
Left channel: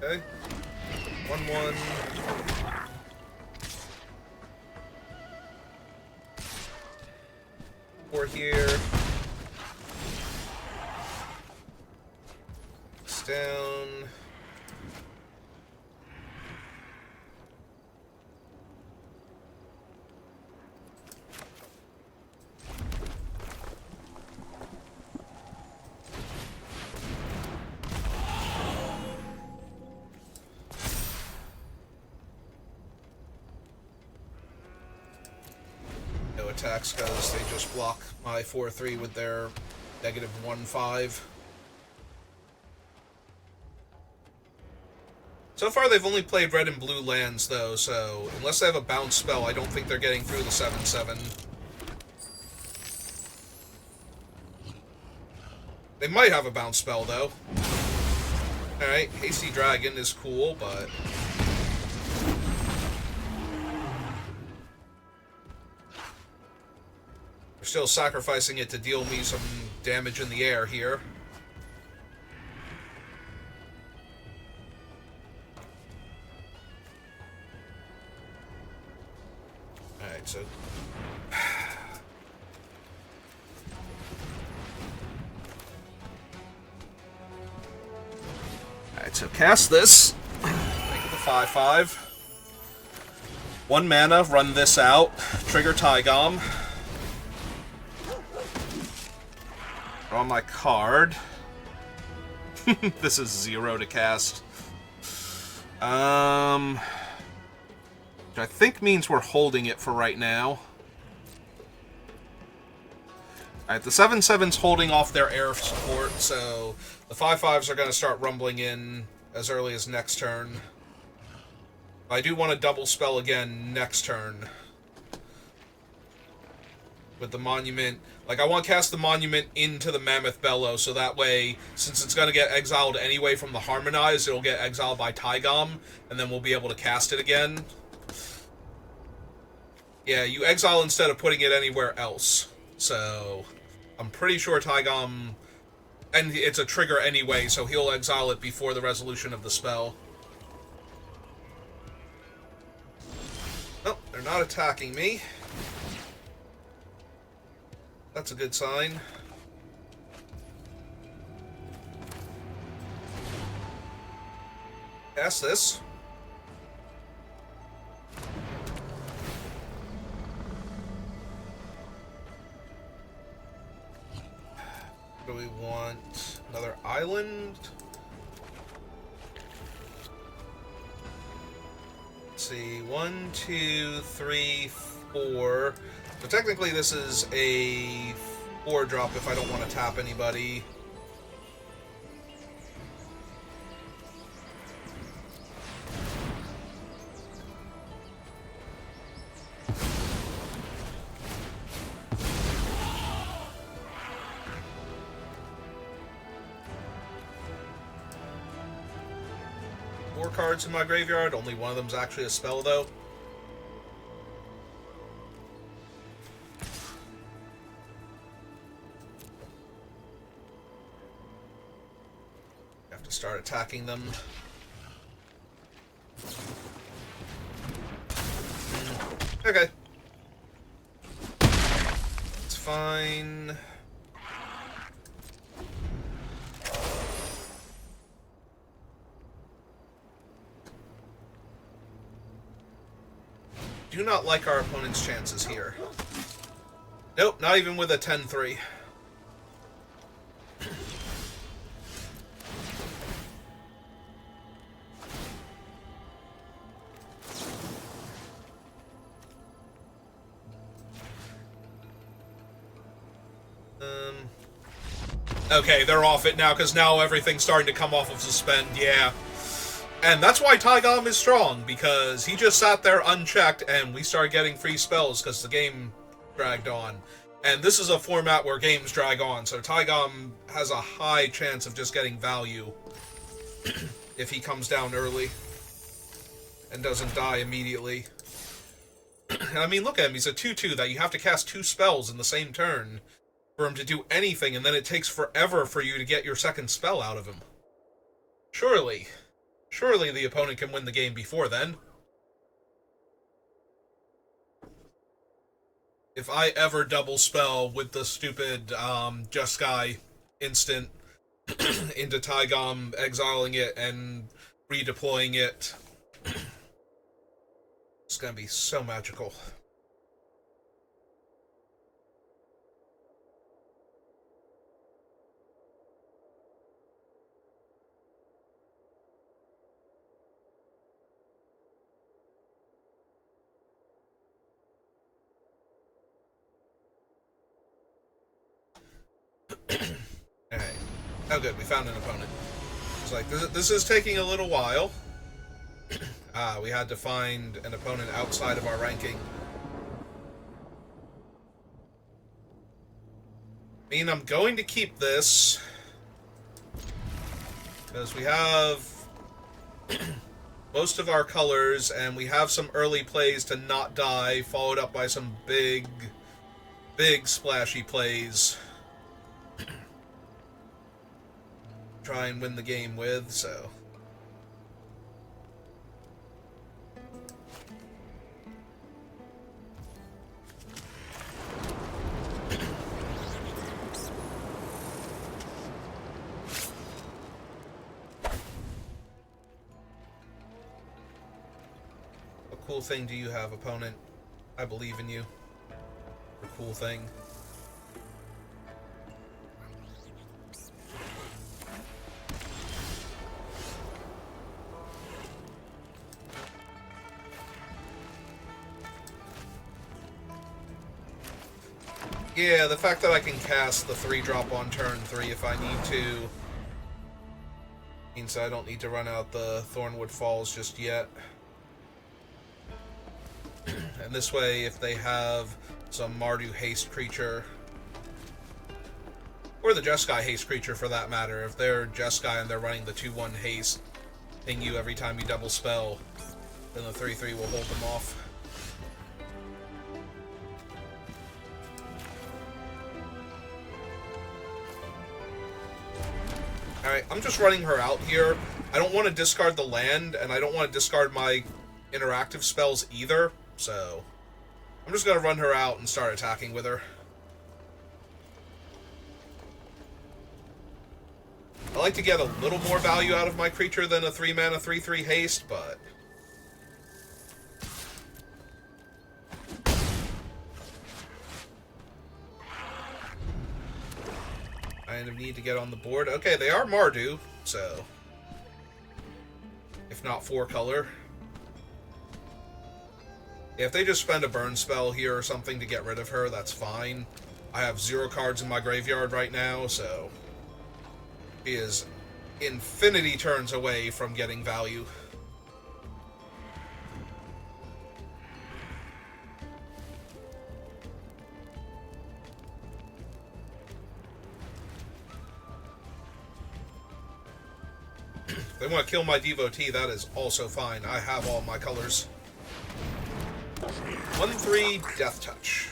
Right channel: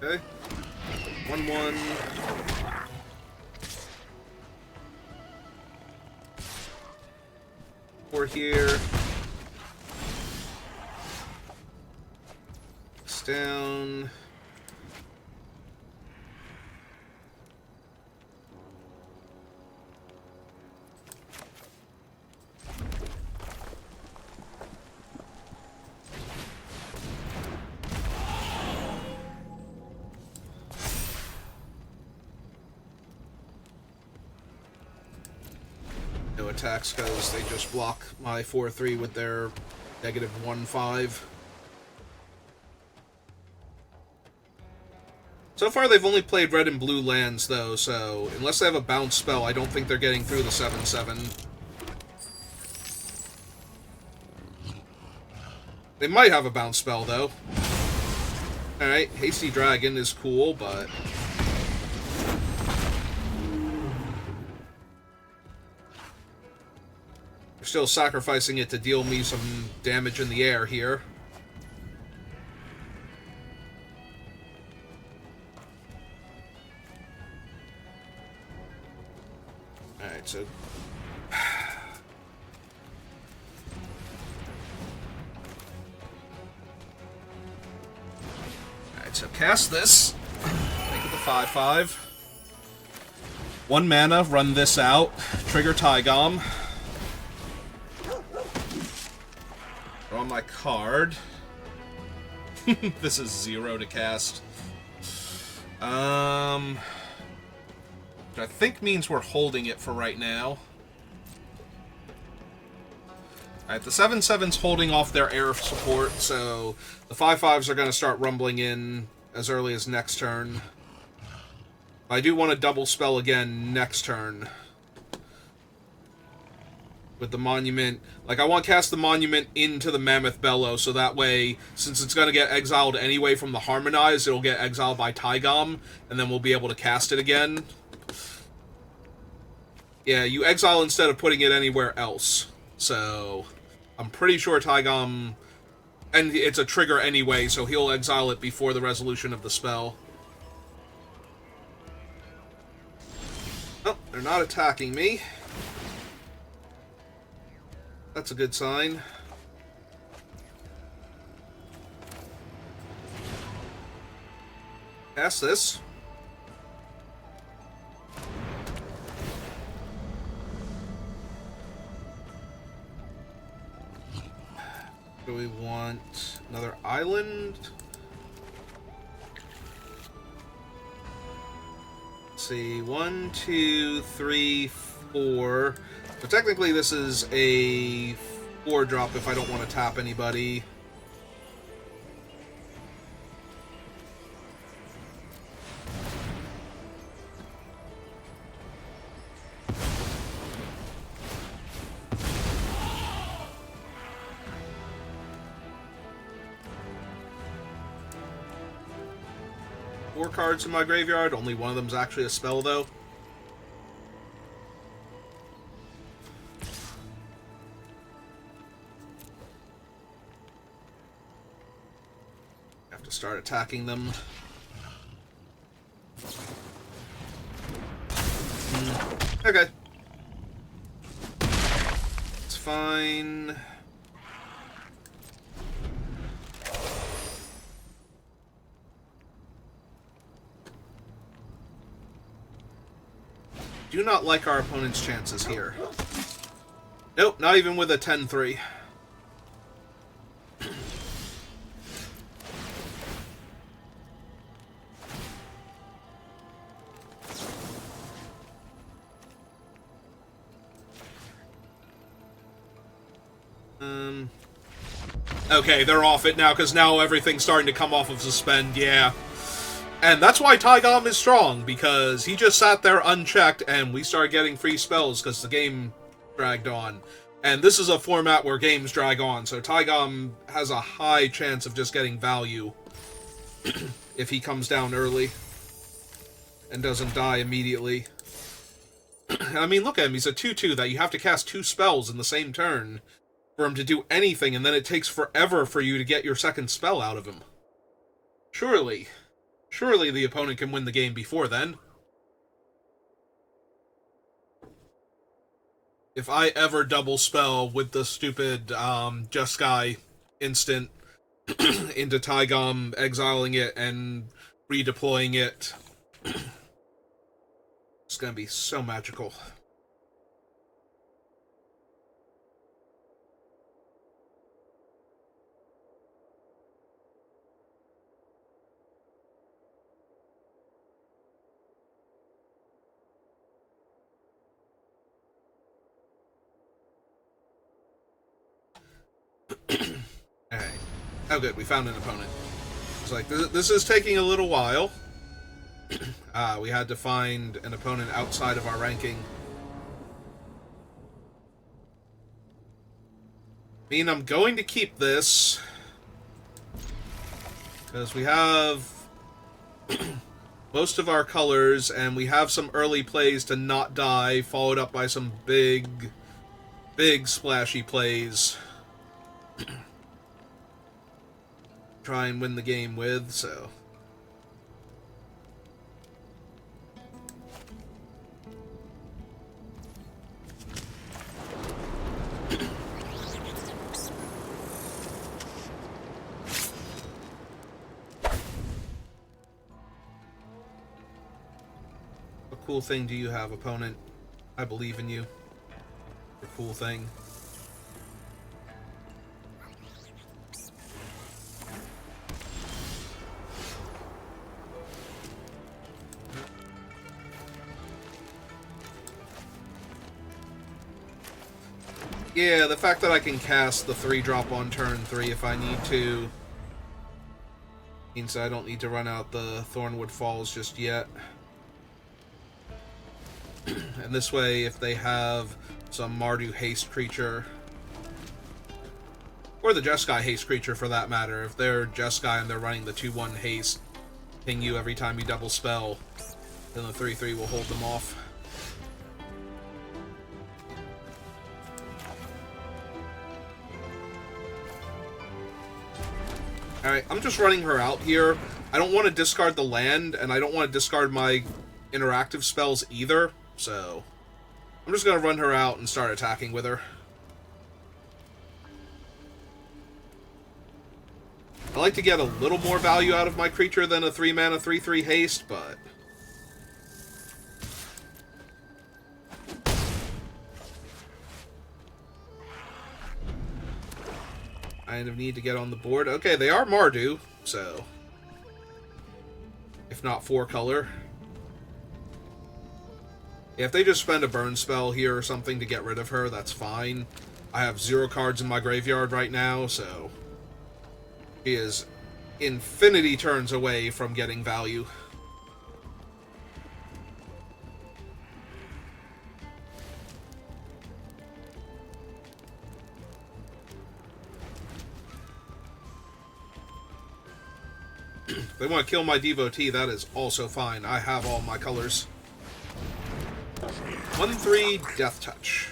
Okay. 1/1. Four here. It's down. Attacks because they just block my 4/3 with their -1/5. So far they've only played red and blue lands though, so unless they have a bounce spell, I don't think they're getting through the 7/7. They might have a bounce spell though. Alright, Hasty Dragon is cool, but still sacrificing it to deal me some damage in the air here. Alright, so alright, so cast this. Make it the 5/5. 1 mana, run this out. Trigger Tygom. Draw my card. This is 0 to cast. Which I think means we're holding it for right now. Alright, the 7/7's holding off their air support, so the 5/5s are going to start rumbling in as early as next turn. I do want to double spell again next turn. With the Monument. Like, I want to cast the Monument into the Mammoth Bellow, so that way, since it's going to get exiled anyway from the Harmonize, it'll get exiled by Taigam, and then we'll be able to cast it again. Yeah, you exile instead of putting it anywhere else. So, I'm pretty sure Taigam... And it's a trigger anyway, so he'll exile it before the resolution of the spell. Oh, they're not attacking me. That's a good sign. Cast this. Do we want another island? Let's see, 1, 2, 3, 4. So technically this is a 4-drop if I don't want to tap anybody. Four cards in my graveyard, only one of them's actually a spell though. Start attacking them. Okay. It's fine. Do not like our opponent's chances here. Nope, not even with a 10-3. Okay, they're off it now, because now everything's starting to come off of suspend, yeah. And that's why Taigam is strong, because he just sat there unchecked, and we started getting free spells, because the game dragged on. And this is a format where games drag on, so Taigam has a high chance of just getting value if he comes down early and doesn't die immediately. I mean, look at him, he's a 2/2 that you have to cast 2 spells in the same turn for him to do anything, and then it takes forever for you to get your second spell out of him. Surely the opponent can win the game before then. If I ever double spell with the stupid Jeskai instant into Taigam, exiling it and redeploying it, it's gonna be so magical. Alright. Oh good, we found an opponent. It's like, this is taking a little while. We had to find an opponent outside of our ranking. I mean, I'm going to keep this, because we have most of our colors, and we have some early plays to not die, followed up by some big splashy plays. Try and win the game with, so... What cool thing do you have, opponent? I believe in you. A cool thing. Yeah, the fact that I can cast the 3-drop on turn 3 if I need to means I don't need to run out the Thornwood Falls just yet. And this way, if they have some Mardu haste creature, or the Jeskai haste creature for that matter, if they're Jeskai and they're running the 2/1 haste, ping you every time you double spell, then the 3/3 will hold them off. Alright, I'm just running her out here. I don't want to discard the land, and I don't want to discard my interactive spells either, so I'm just going to run her out and start attacking with her. I like to get a little more value out of my creature than a 3-mana 3/3 haste, but I need to get on the board. Okay, they are Mardu, so if not 4-color. Yeah, if they just spend a burn spell here or something to get rid of her, that's fine. I have 0 cards in my graveyard right now, so she is infinity turns away from getting value. If they want to kill my devotee, that is also fine. I have all my colors. 1/3 Death Touch.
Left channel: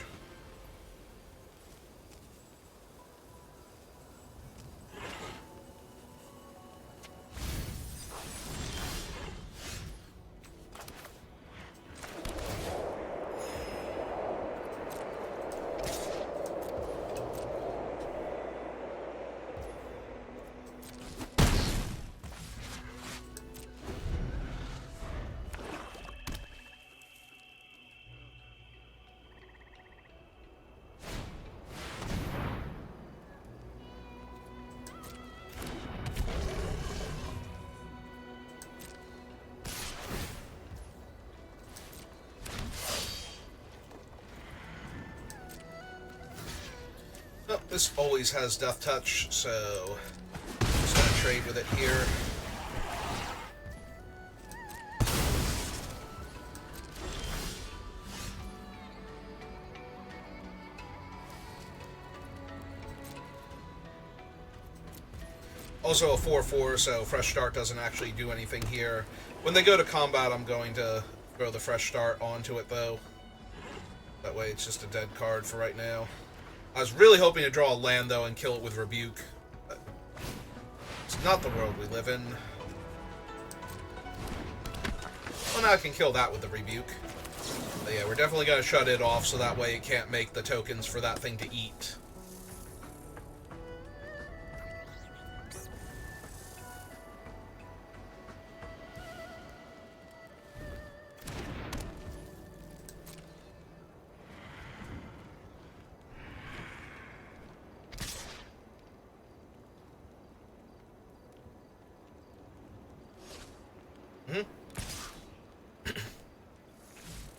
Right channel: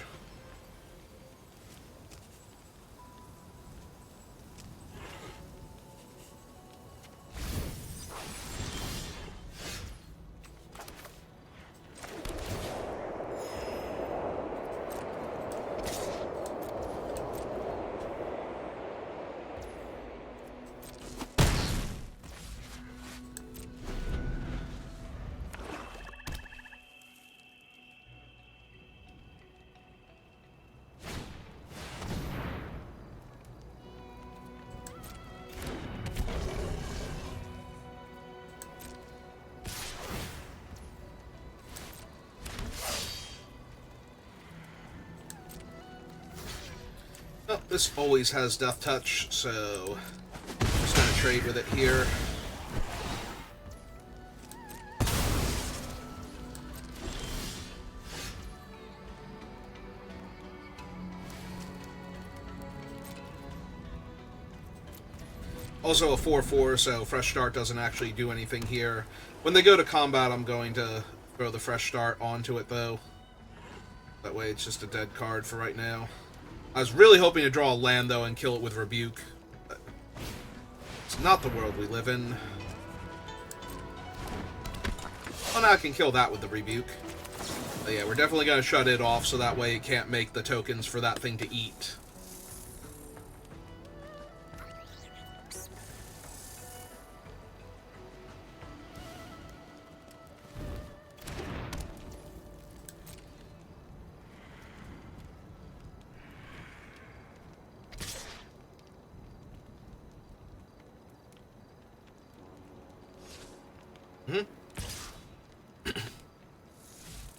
Oh, this always has Death Touch, so I'm just going to trade with it here. Also a 4/4, so Fresh Start doesn't actually do anything here. When they go to combat, I'm going to throw the Fresh Start onto it, though. That way it's just a dead card for right now. I was really hoping to draw a land, though, and kill it with Rebuke. But it's not the world we live in. Well, now I can kill that with the Rebuke. But yeah, we're definitely going to shut it off, so that way it can't make the tokens for that thing to eat.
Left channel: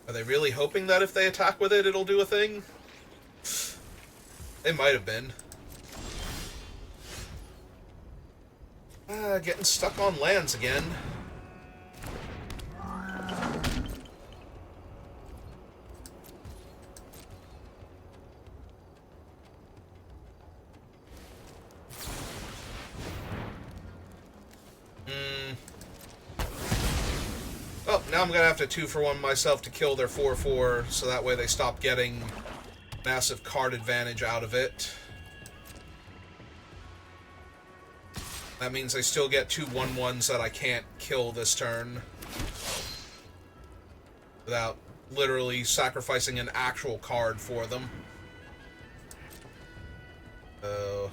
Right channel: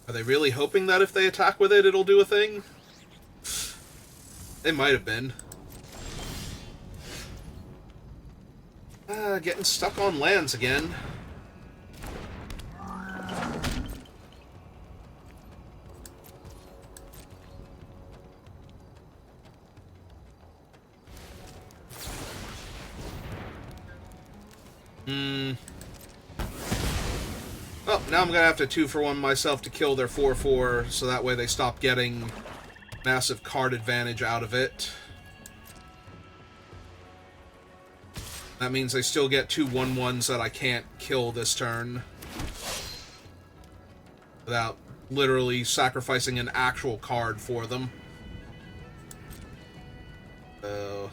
Are they really hoping that if they attack with it, it'll do a thing? They might have been. Getting stuck on lands again. Oh, now I'm going to have to 2-for-1 myself to kill their 4/4, so that way they stop getting massive card advantage out of it. That means they still get 2 1/1s that I can't kill this turn without literally sacrificing an actual card for them. So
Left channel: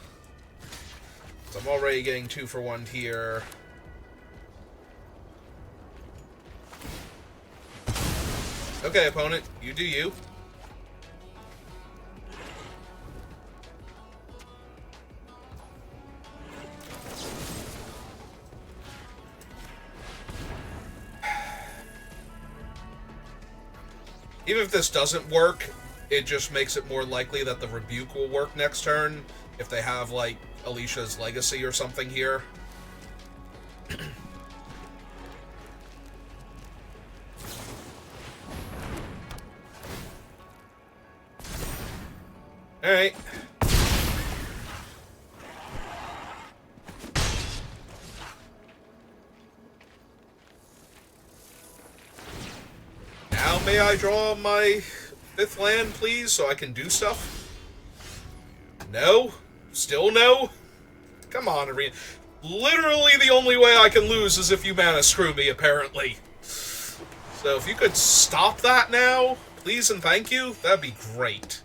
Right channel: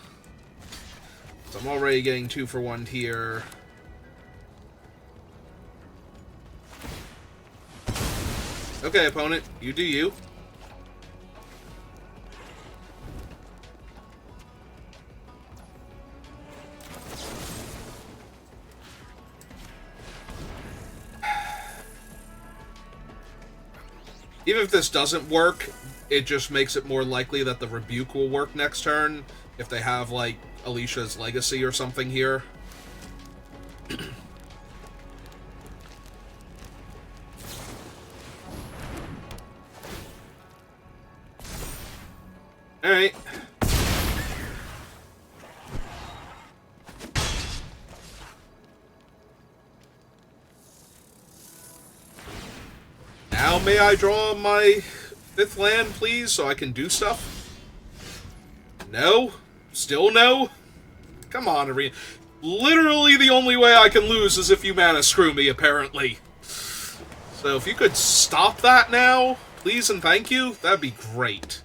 I'm already getting 2-for-1 here. Okay, opponent, you do you. Even if this doesn't work, it just makes it more likely that the Rebuke will work next turn if they have, like, Alicia's Legacy or something here. Alright. Now may I draw my 5th land, please, so I can do stuff? No? Still no? Come on, Arena. Literally the only way I can lose is if you mana screw me, apparently. So if you could stop that now, please and thank you, that'd be great.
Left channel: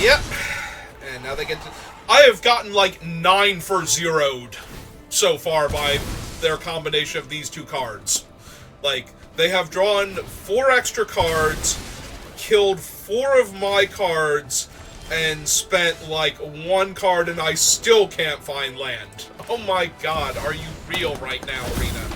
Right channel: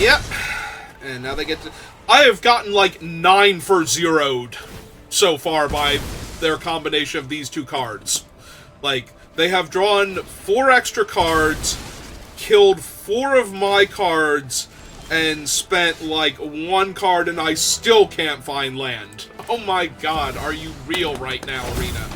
Yep. And now they get to... I have gotten like 9 for 0'd so far by their combination of these 2 cards. Like, they have drawn 4 extra cards, killed 4 of my cards, and spent like 1 card, and I still can't find land. Oh my god, are you real right now, Arena?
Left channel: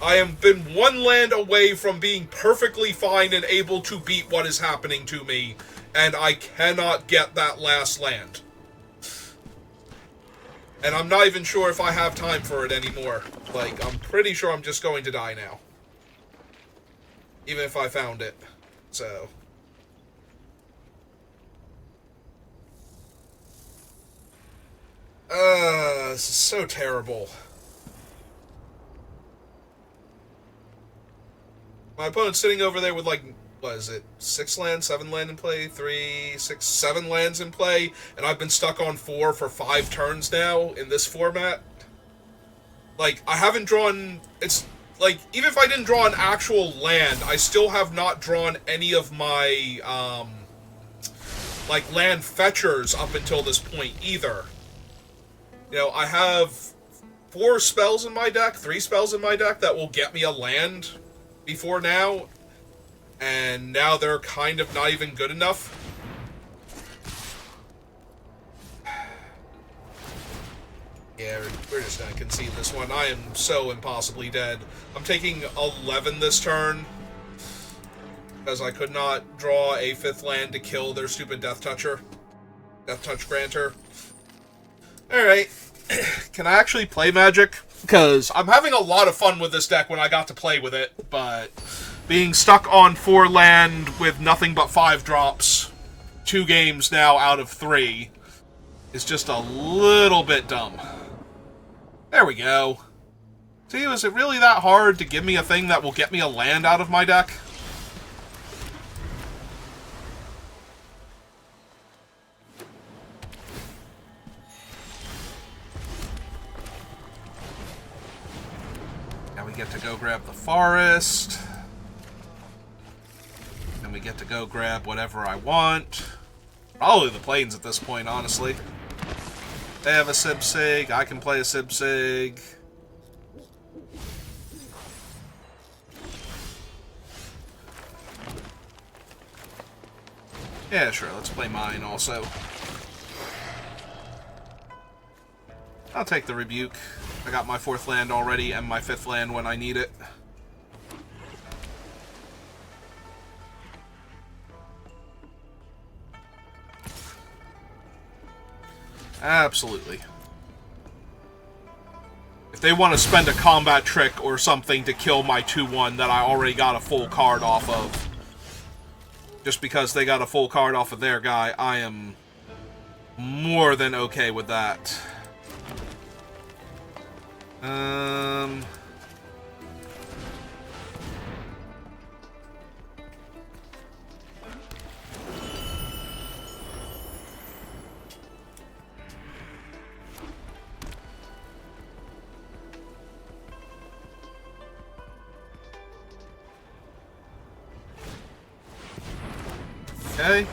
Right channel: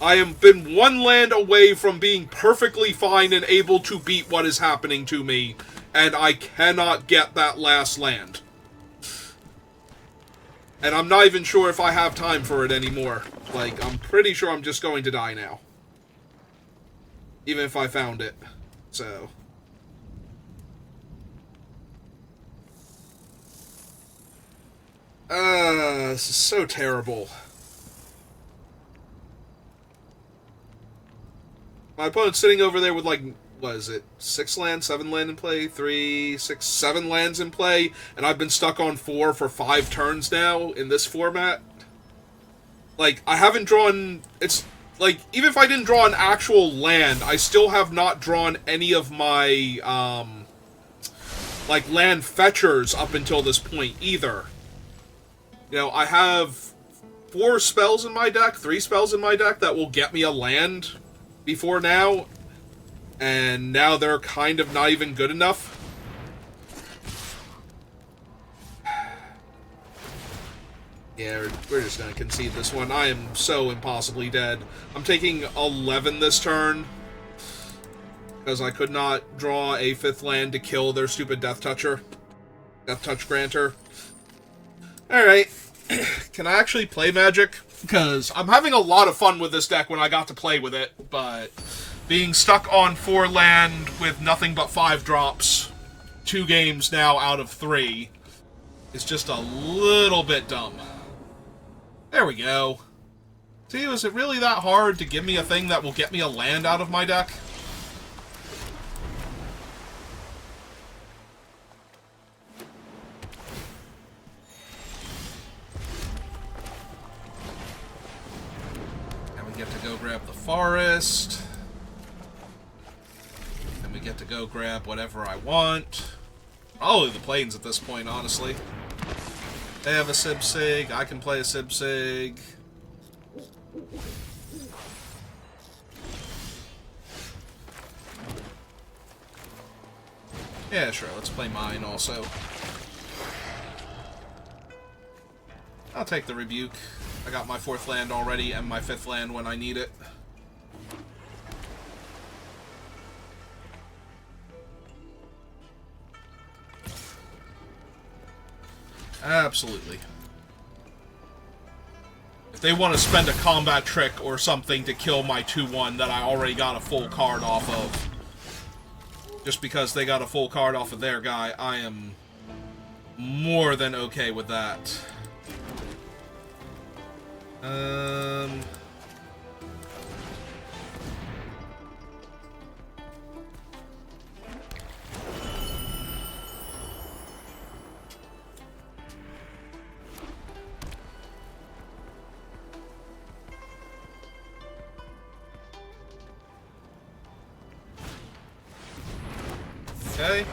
I have been 1 land away from being perfectly fine and able to beat what is happening to me, and I cannot get that last land. And I'm not even sure if I have time for it anymore. Like, I'm pretty sure I'm just going to die now. Even if I found it. So... this is so terrible. My opponent's sitting over there with, like, what is it? 6 lands, 7 land in play, 3, 6, 7 lands in play, and I've been stuck on 4 for 5 turns now in this format. Like, I haven't drawn... It's, like, even if I didn't draw an actual land, I still have not drawn any of my, like, land fetchers up until this point either. You know, I have 4 spells in my deck, 3 spells in my deck that will get me a land before now, and now they're kind of not even good enough. Yeah, we're just gonna concede this one. I am so impossibly dead. I'm taking 11 this turn, because I could not draw a 5th land to kill their stupid Death Touch Granter. Alright. Can I actually play Magic? Because I'm having a lot of fun with this deck when I got to play with it, but being stuck on 4 land with nothing but 5 drops 2 games now out of 3 is just a little bit dumb. There we go. See, is it really that hard to give me a thing that will get me a land out of my deck? Get to go grab the forest. And we get to go grab whatever I want. Probably the plains at this point, honestly. They have a Sib-Sig. I can play a Sib-Sig. Yeah, sure. Let's play mine also. I'll take the Rebuke. I got my 4th land already and my 5th land when I need it. Absolutely. If they want to spend a combat trick or something to kill my 2-1 that I already got a full card off of, just because they got a full card off of their guy, I am more than okay with that. Okay.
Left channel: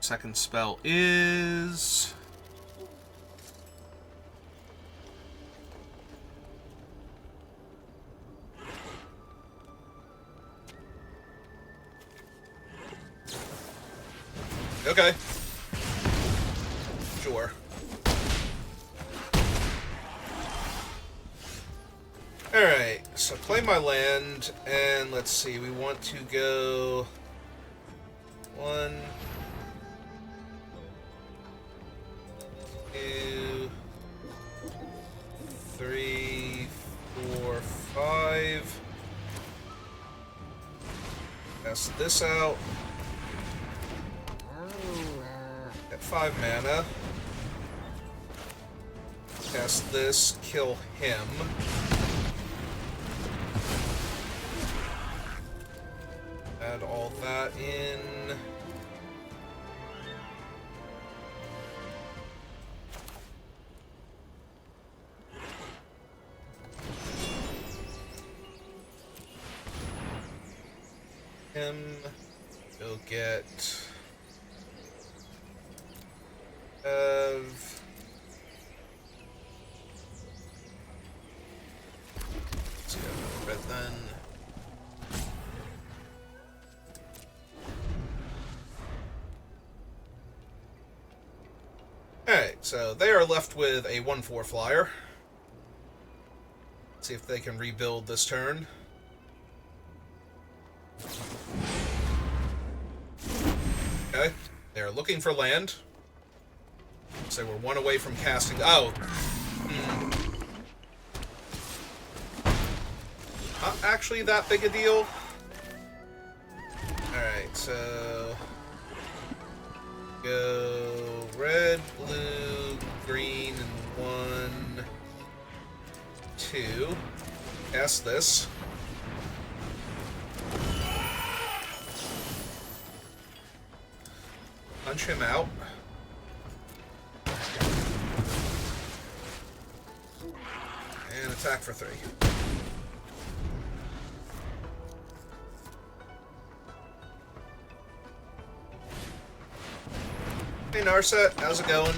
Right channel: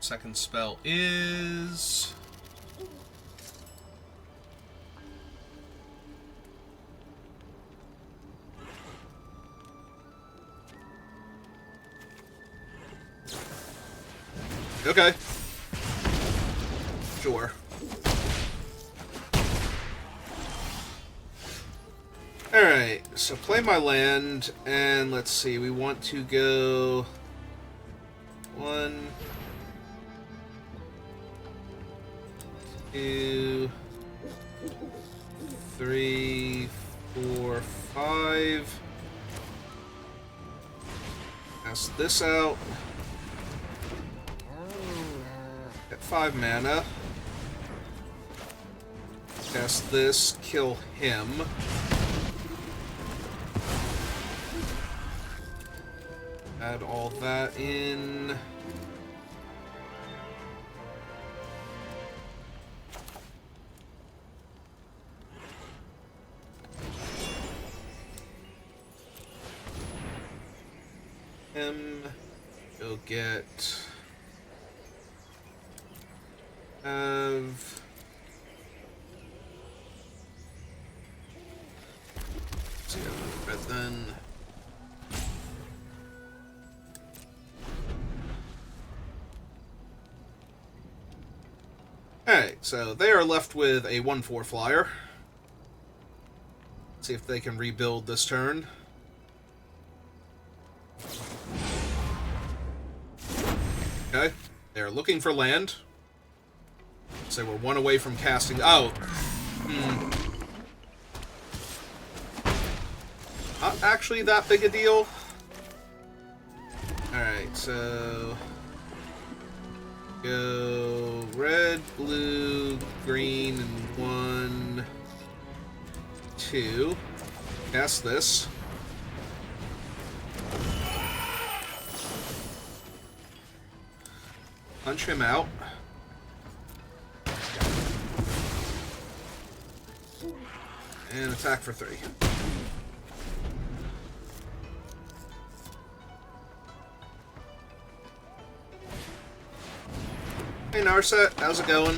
Second spell is... Okay. Sure. Alright, so play my land, and let's see, we want to go... 1, 2, 3, 4, 5. Cast this out. At 5 mana. Cast this, kill him. Add all that in. Go get let's see, red then. Alright, so they are left with a 1/4 flyer. Let's see if they can rebuild this turn. Okay, they're looking for land. So we're 1 away from casting. Oh! Not actually that big a deal. Alright, so... Go red, blue, green, and 1, 2. Cast this. Punch him out. And attack for 3. Hey Narset, how's it going?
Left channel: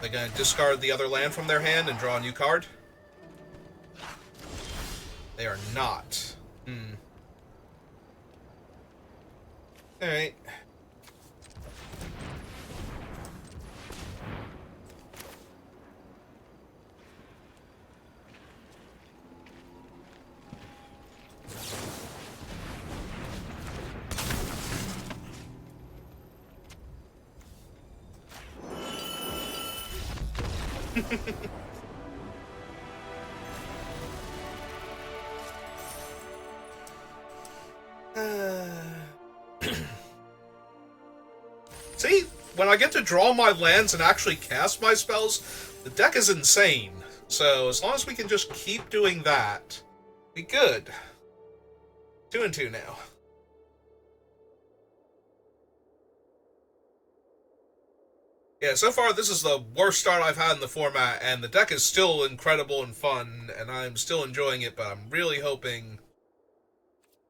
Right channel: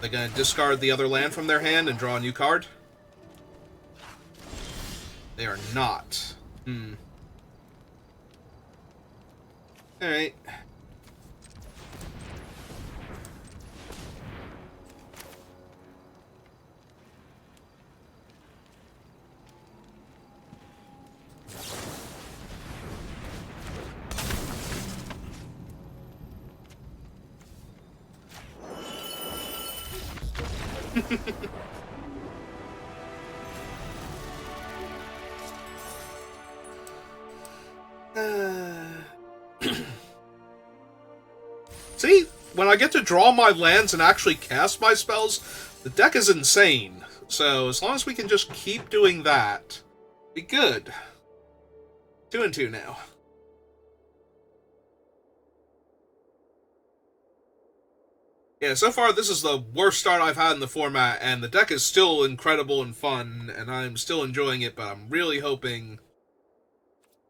They're gonna discard the other land from their hand and draw a new card? They are not. Alright. See, when I get to draw my lands and actually cast my spells, the deck is insane. So as long as we can just keep doing that, be good. 2 and 2 now. Yeah, so far this is the worst start I've had in the format, and the deck is still incredible and fun, and I'm still enjoying it, but I'm really hoping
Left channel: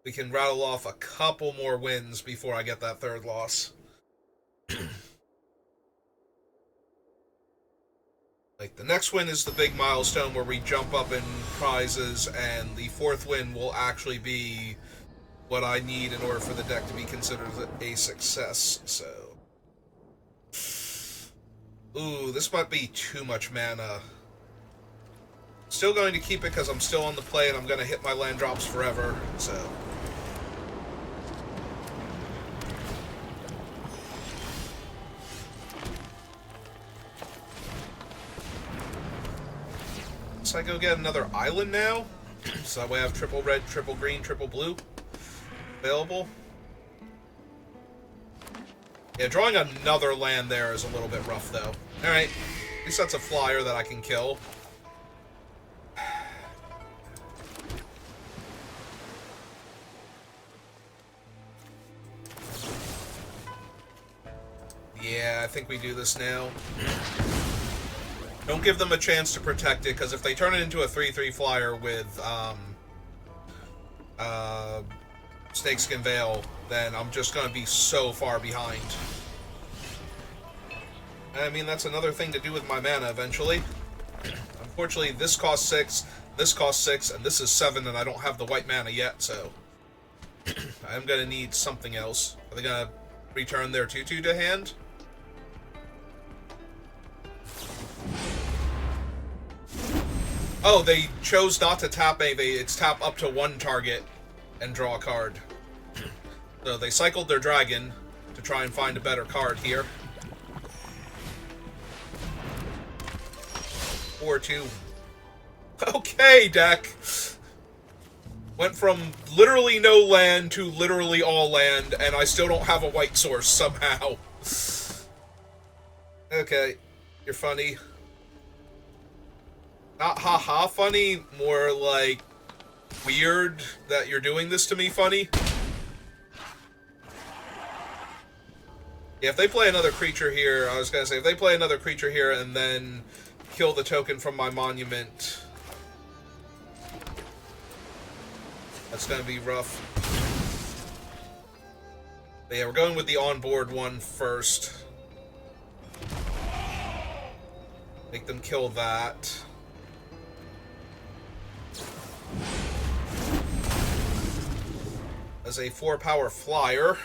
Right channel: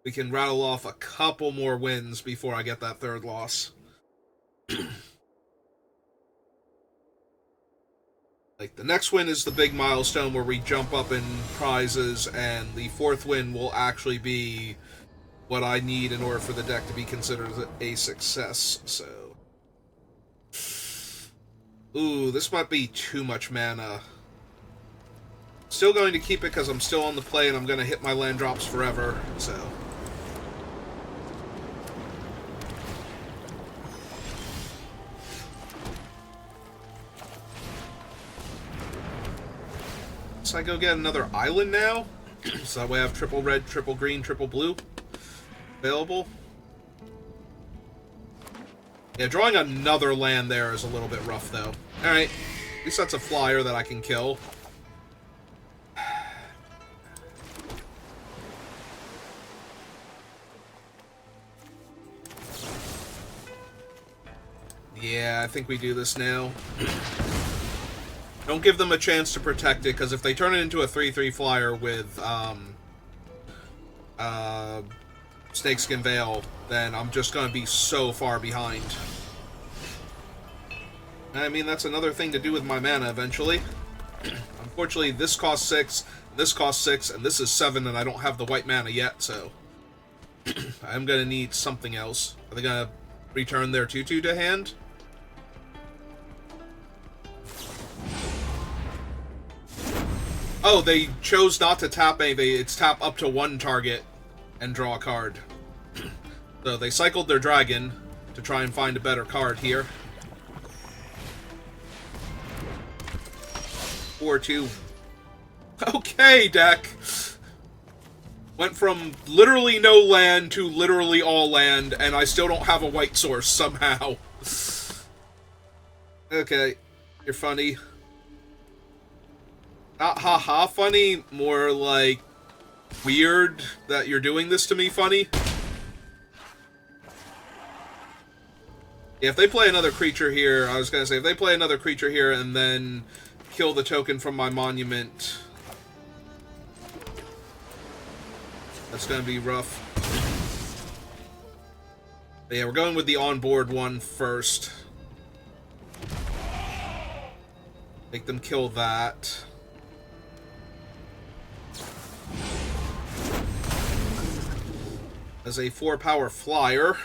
we can rattle off a couple more wins before I get that 3rd loss. Like, the next win is the big milestone where we jump up in prizes, and the 4th win will actually be what I need in order for the deck to be considered a success, so... Ooh, this might be too much mana. Still going to keep it because I'm still on the play and I'm going to hit my land drops forever, so... So I go get another island now, so that way I have triple red, triple green, triple blue available. Yeah, drawing another land there is a little bit rough, though. Alright, at least that's a flyer that I can kill. Yeah, I think we do this now. Don't give them a chance to protect it, because if they turn it into a 3/3 flyer with Snakeskin Veil, then I'm just going to be so far behind. I mean, that's another thing to do with my mana eventually. Unfortunately, this costs 6, this costs 6, and this is 7, and I don't have the white mana yet, so I'm going to need something else. Are they going to return their 2/2 to hand? Oh, they chose not to tap anything. It's tap up to 1 target and draw a card. So they cycled their dragon to try and find a better card here. 4/2. Okay, deck. Went from literally no land to literally all land, and I still don't have a white source somehow. Okay, you're funny. Not haha funny, more like weird that you're doing this to me funny. Yeah, if they play another creature here, I was gonna say, if they play another creature here and then kill the token from my monument, that's gonna be rough. But yeah, we're going with the onboard one first. Make them kill that. As a 4-power flyer.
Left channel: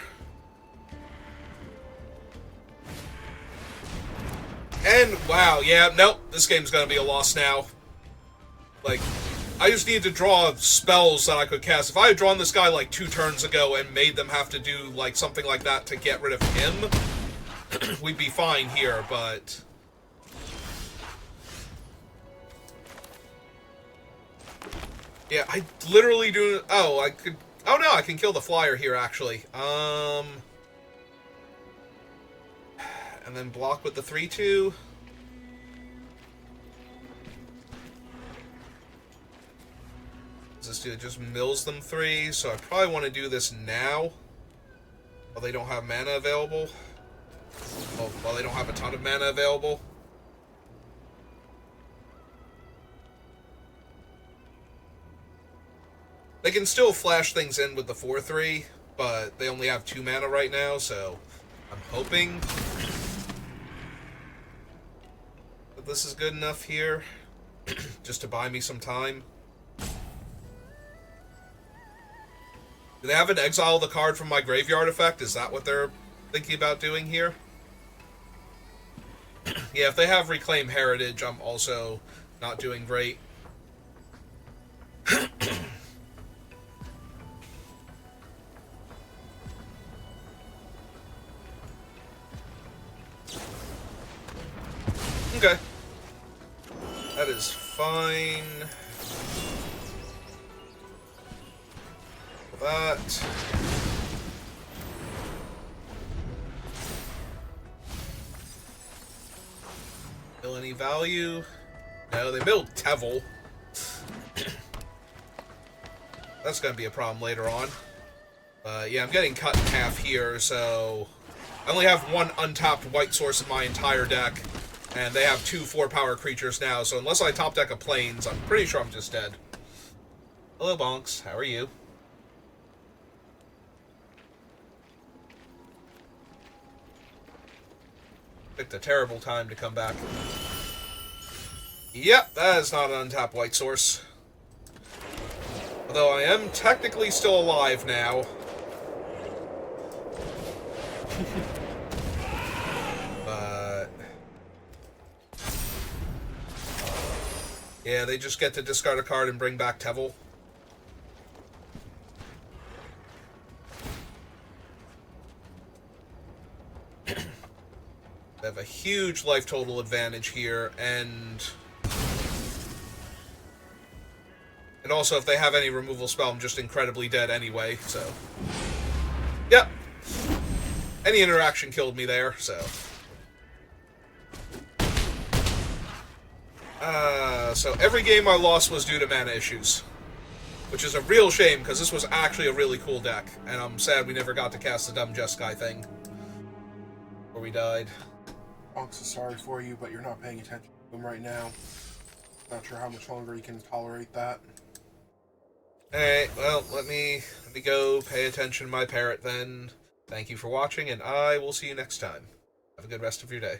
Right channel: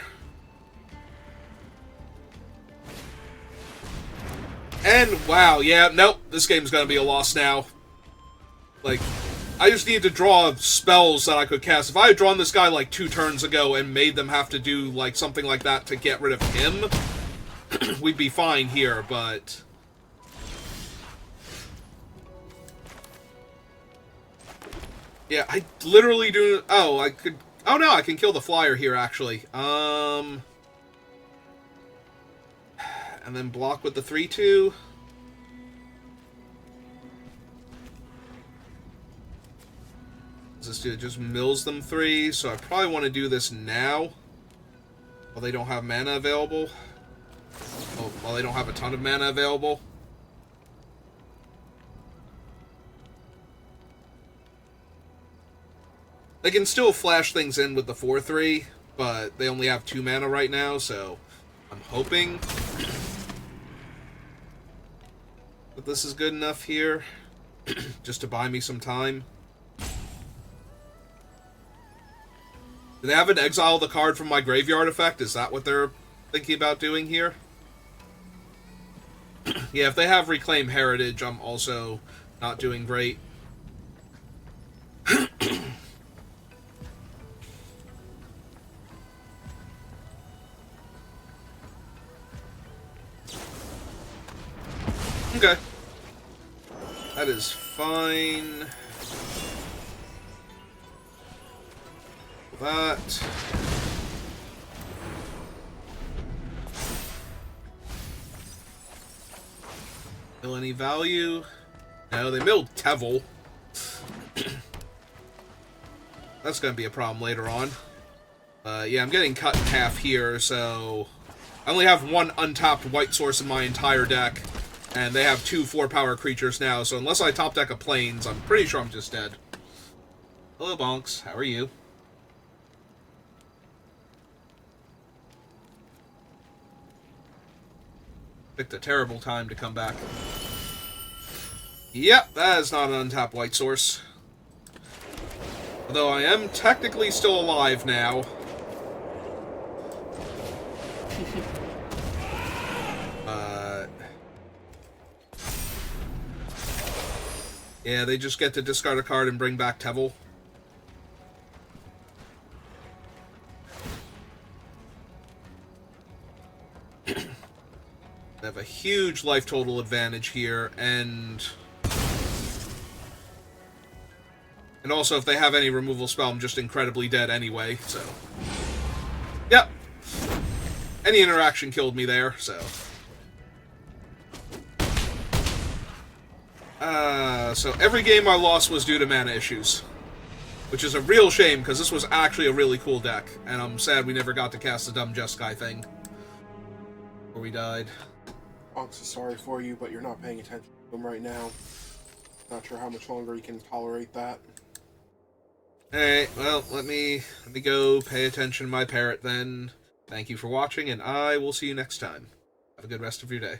And, wow, yeah, nope, this game's gonna be a loss now. Like, I just need to draw spells that I could cast. If I had drawn this guy, like, 2 turns ago and made them have to do, like, something like that to get rid of him, we'd be fine here, but... yeah, I literally do... oh, I could... oh, no, I can kill the flyer here, actually. And then block with the 3/2. Does this do? It just mills them 3, so I probably want to do this now. While they don't have mana available. While they don't have a ton of mana available. They can still flash things in with the 4/3, but they only have 2 mana right now, so I'm hoping that this is good enough here, just to buy me some time. Do they have an exile the card from my graveyard effect? Is that what they're thinking about doing here? Yeah, if they have Reclaim Heritage, I'm also not doing great. Okay. That is fine. That. Mill any value? No, they milled Tevel. That's going to be a problem later on. Yeah, I'm getting cut in half here, so... I only have 1 untapped white source in my entire deck. And they have 2 4-power creatures now, so unless I top deck a Plains, I'm pretty sure I'm just dead. Hello, Bonks. How are you? Picked a terrible time to come back. Yep, that is not an untapped white source. Although I am technically still alive now. Yeah, they just get to discard a card and bring back Tevel. They have a huge life total advantage here, and also if they have any removal spell, I'm just incredibly dead anyway, so... yep. Any interaction killed me there, so... so every game I lost was due to mana issues. Which is a real shame, because this was actually a really cool deck. And I'm sad we never got to cast the dumb Jeskai thing. Before we died. I'm so sorry for you, but you're not paying attention to him right now. Not sure how much longer you can tolerate that. Alright, well, let me go pay attention to my parrot then. Thank you for watching, and I will see you next time. Have a good rest of your day.